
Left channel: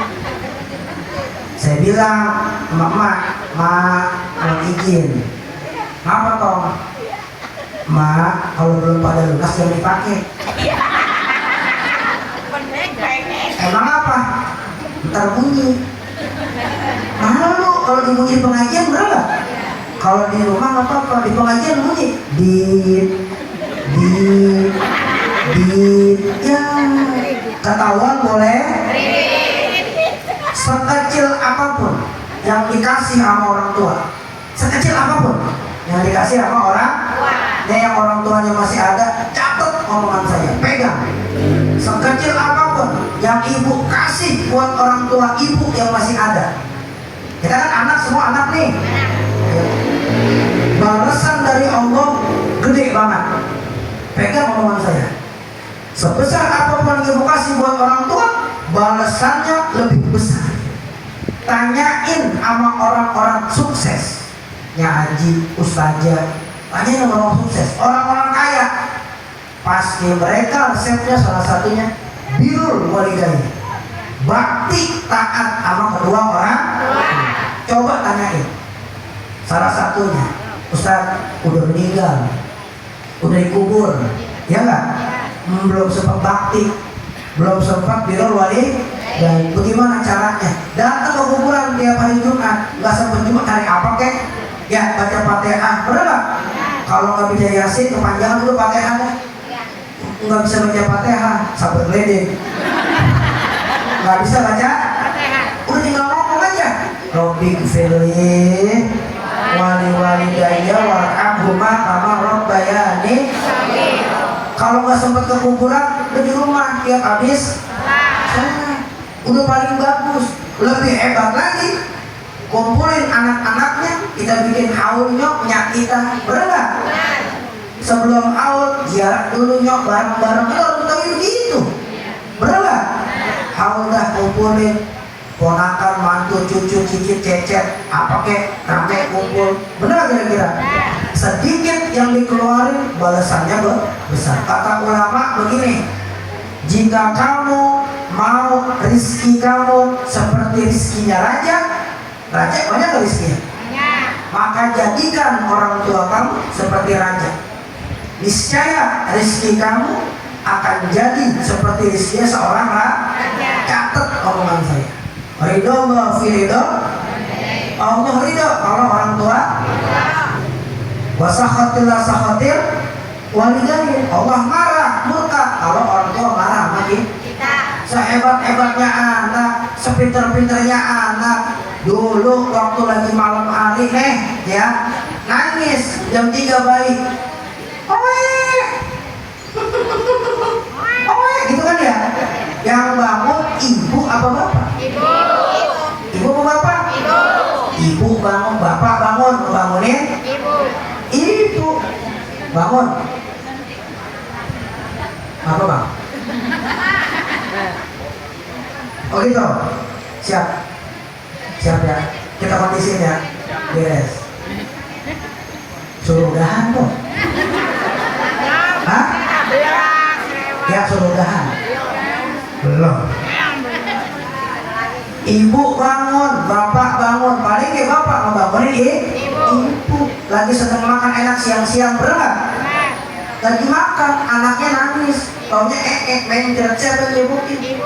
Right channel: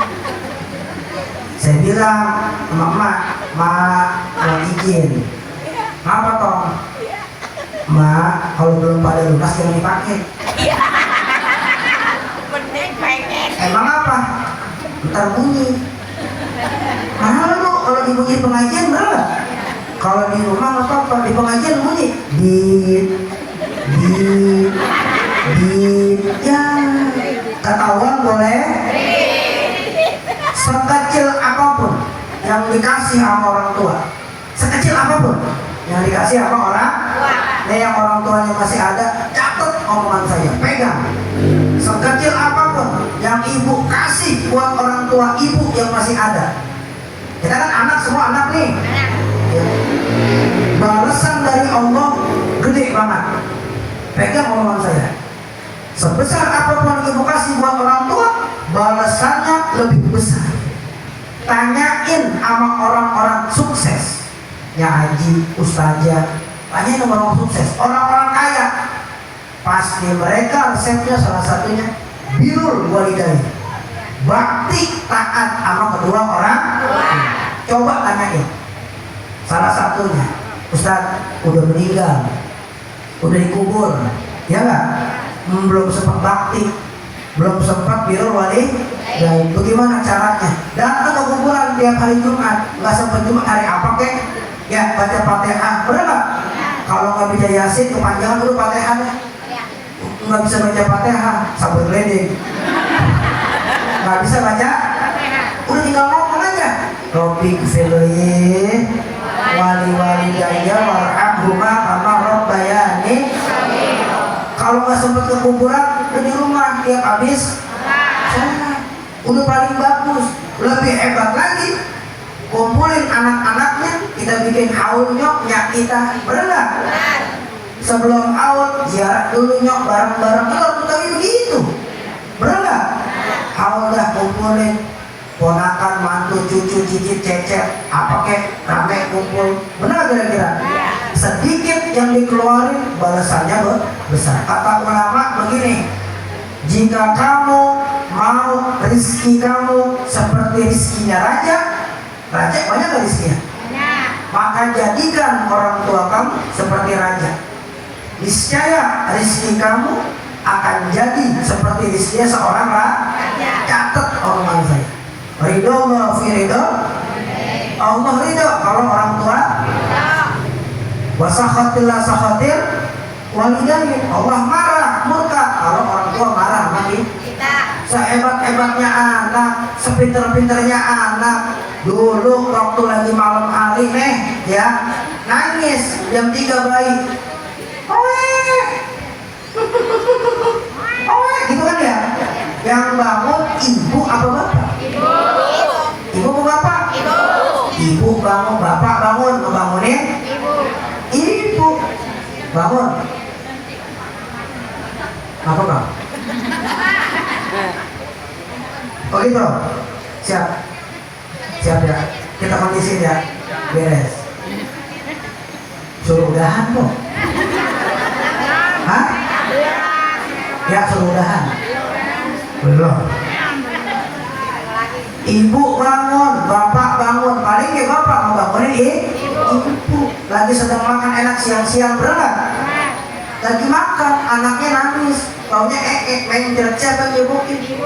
Saya bilang, Mama, mau izin. Apa toh? Ma, kalau belum pada lunas jangan dipakai. Emang apa? Ntar bunyi. Mahal lu kalau dibunyi di pengajian berapa? Kalau di rumah nggak apa-apa, di pengajian bunyi. Ya, ketahuan boleh. Sekecil apapun yang dikasih sama orang tua, sekecil apapun yang dikasih sama orang, yang orang tuanya masih ada, catat omongan saya, pegang. Sekecil apapun yang ibu kasih buat orang tua ibu yang masih ada. Kita kan anak, semua anak nih. Balasan dari Allah gede banget. Pegang omongan saya. Sebesar apapun yang ibu kasih buat orang tua, balasannya lebih besar. Tanyain sama orang-orang sukses, ya haji, ustazah, tanyain sama orang sukses, orang-orang kaya. Pasti mereka resepnya salah satunya birrul walidain, bakti taat sama kedua orang tua. Coba tanyain. Salah satunya, Ustaz udah meninggal, udah dikubur, ya nggak? Belum sempat bakti, belum sempat birrul walidain. Bagaimana caranya? Datang ke kuburan tiap hari Jumat, nggak sempat Jumat hari apa kek? Ya baca Fatihah, bener nggak? Kalau nggak bisa Yasin kepanjangan dulu Fatihahnya. Nggak bisa baca Fatihah, sabar geledek. Nggak bisa baca, udah tinggal ngomong aja. Robbi gfirli wali walidayya warhamhuma kama rabbayani. Kalau nggak sempat ke kuburan, udah di rumah tiap habis udah paling bagus. Lebih hebat lagi, kumpulin anak-anaknya, kita bikin haul nyoknya kita, bener. Sebelum haul ziarah dulu nyok bareng-bareng, kita tahu begitu, bener. Haul dah kumpulin ponakan, mantu, cucu, cicit, cecet, apa kek, rame kumpul, bener kira-kira. Sedikit yang dikeluarin balasannya besar. Kata ulama begini, jika kamu mau rizki kamu seperti rizkinya raja, raja banyak gak rizkinya? Maka jadikan orang tua kamu seperti raja. Niscaya rizki kamu akan jadi seperti rizkinya seorang raja. Catat omongan saya. Ridho Allah fi ridho Allah, ridho kalau orang tua. Wasakhatillah sakhatil walidain, Allah marah, murka kalau orang tua marah sama kita. Sehebat-hebatnya anak, sepinter-pinternya anak, dulu waktu lagi malam hari nih ya, nangis jam 3 bayi, oe gitu kan ya. Yang bangun ibu apa bapak? Ibu apa bapak? Ibu bangun, bapak bangun, ngebangunin ibu bangun. Apa bang? Oh gitu, siap ya, kita kondisi ya, beres. Suruh udahan kok. Hah? Ya suruh udahan. Belum. Ibu bangun, bapak bangun, paling ya bapak ngebangunin ibu. Lagi sedang makan enak siang-siang, berat. Lagi makan, anaknya nangis, taunya mencret, siapa nyebukin?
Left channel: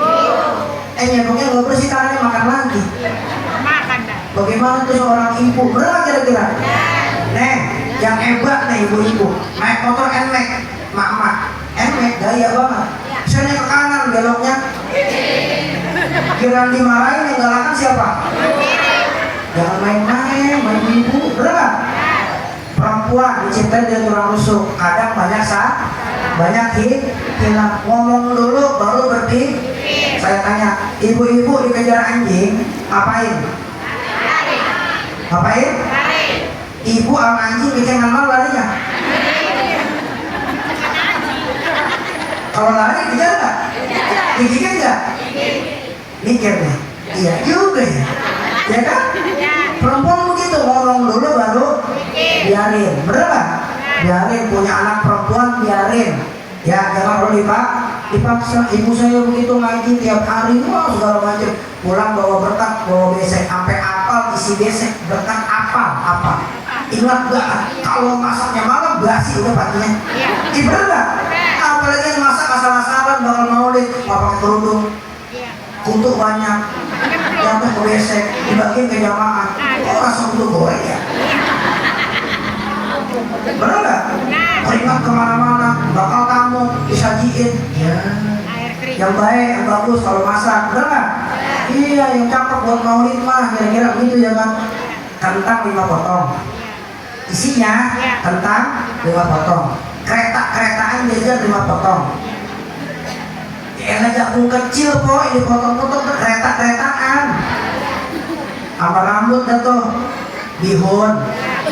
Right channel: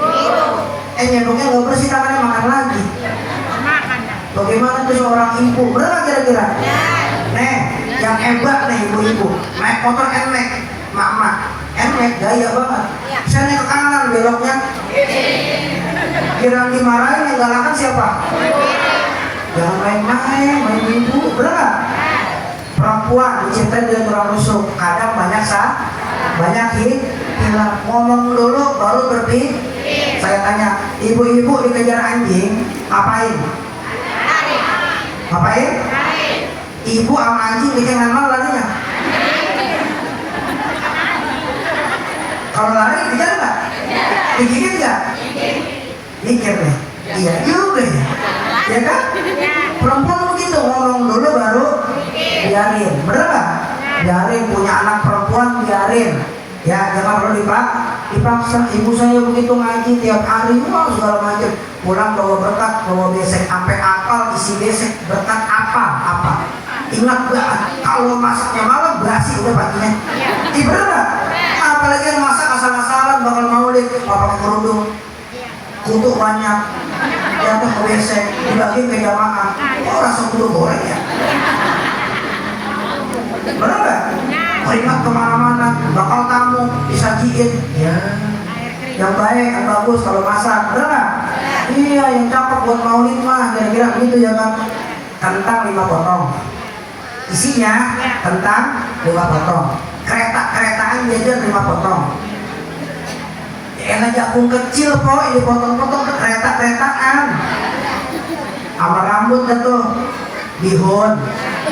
Nyebuknya gak bersih, tangannya makan lagi. Bagaimana tuh seorang ibu, berat kira-kira? Nih, yang hebat nih ibu-ibu, naik motor NMAX, mak-mak, NMAX gaya banget. Misalnya ke kanan, beloknya kira dimarahin, yang galakan siapa? Jangan main-main, main ibu, berat. Perempuan dicintai dan kurang rusuk, kadang banyak hilang. Ngomong dulu baru berpikir. Saya tanya, ibu-ibu dikejar anjing, ngapain? Ibu sama anjing dikejar mau larinya. Kalau lari kejar nggak? Digigit nggak? Mikir deh. Iya juga ya. Ya kan? Perempuan begitu, ngomong dulu baru biarin, bener nggak? Biarin, punya anak perempuan biarin. Ya jangan perlu dipaksa. Ibu saya begitu ngaji tiap hari, wah segala macam. Pulang bawa berkat, bawa besek, sampai apal isi besek, berkat apa? Ingat banget, kalau masaknya malam basi udah paginya. Bener nggak? Apalagi yang masak asal-asalan bakal maulid, pakai kerudung, kutuk banyak, jatuh ke besek, dibagi ke jamaah. Oh langsung kudu goreng ya. Bener nggak? Keringat kemana-mana, bakal tamu disajiin. Ya. yang baik, yang bagus kalau masak, bener nggak? Iya, yang cakep buat maulid mah kira-kira begitu ya kan? Kentang 5 potong, isinya kentang 5 potong, kereta-keretaan jajan 5 potong. Yang jagung kecil kok dipotong-potong ke kereta-keretaan. Sama rambut dah tuh bihun,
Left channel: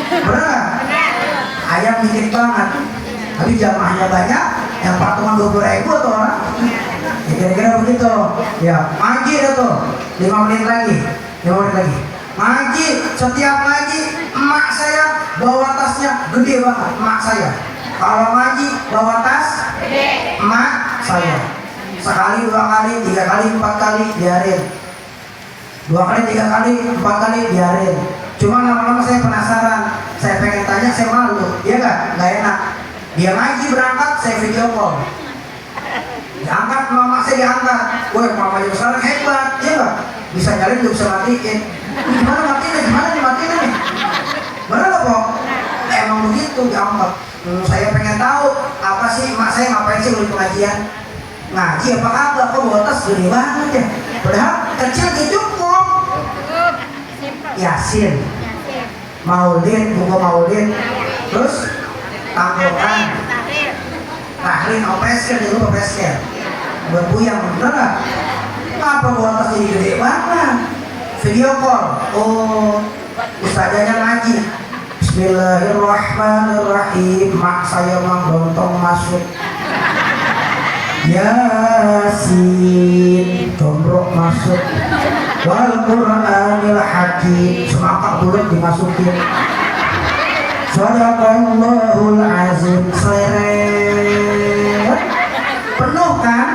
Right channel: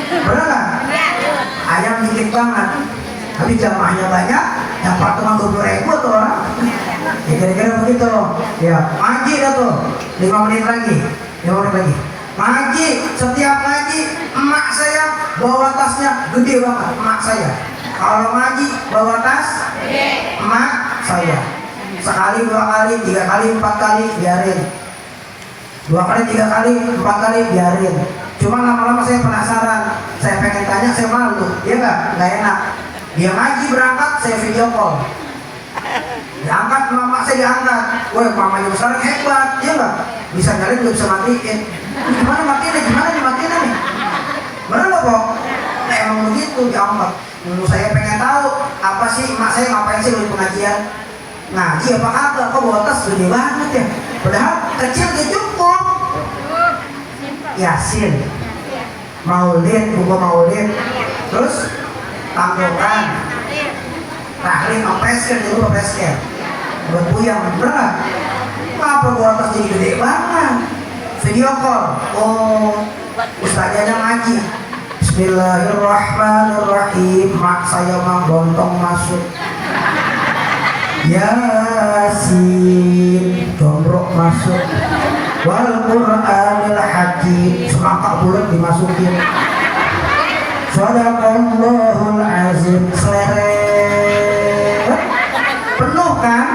bener nggak? Ayam dikit banget, tapi jamaahnya banyak, yang patungan 20.000 tuh orang. Ya kira-kira begitu. Ya, ngaji dah tuh 5 menit lagi, 5 menit lagi. Ngaji, setiap ngaji emak saya bawa tasnya gede banget, emak saya. Kalau ngaji bawa tas gede, emak saya. Sekali, 2 kali, 3 kali, 4 kali biarin. 2 kali, 3 kali, 4 kali biarin. Cuma lama-lama saya penasaran, saya pengen tanya, saya malu, ya nggak enak. Dia ngaji berangkat, saya video call. Diangkat mama saya diangkat, woi mamanya besar hebat, ya nggak? Bisa nyalin, bisa matiin. Gimana matiin? Gimana dimatiin nih? Bener loh kok? Emang begitu diangkat. Saya pengen tahu apa sih emak saya ngapain sih di pengajian? Ngaji apa kagak? Kok bawa tas gede banget ya? Padahal kecil cukup. Yasin, maulid, buku maulid, terus tanggungan, tahlil, opesken, itu opesken, buat buyang, bener nggak? Apa bawa tas jadi gede banget? Video call, oh ustazanya ngaji. Bismillahirrahmanirrahim, mak saya mah bontong masuk. Yasin, condrok masuk. Wal Qur'anil Hakim, semangkak bulat dimasukin. Shadaqallahul azim, seleret. Penuh kan?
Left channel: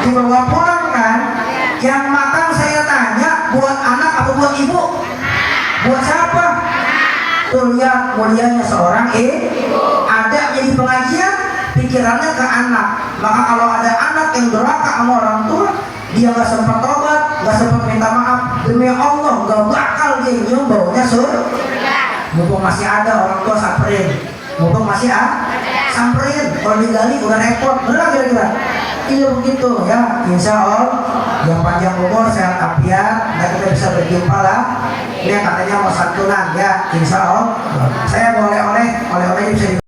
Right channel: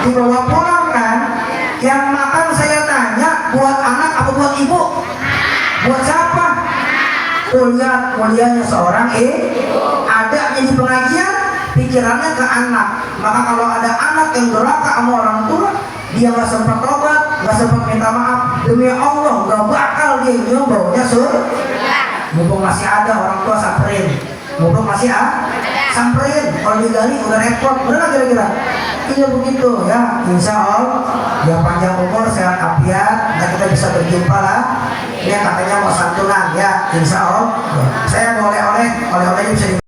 Dibawa pulang kan? Yang makan saya tanya, buat anak apa buat ibu? Buat siapa? Tuh lihat mulianya seorang ada jadi pengajian, pikirannya ke anak. Maka kalau ada anak yang durhaka sama orang tua, dia nggak sempat tobat, nggak sempat minta maaf, demi Allah nggak bakal dia nyium baunya surga. Mumpung masih ada orang tua samperin, mumpung masih ada samperin. Kalau digali udah repot, benar kira-kira? Iya begitu ya. Insya Allah yang panjang umur, sehat afiat, dan kita bisa berjumpa lah. Ini katanya mau santunan ya, insya Allah. Saya boleh oleh-olehnya bisa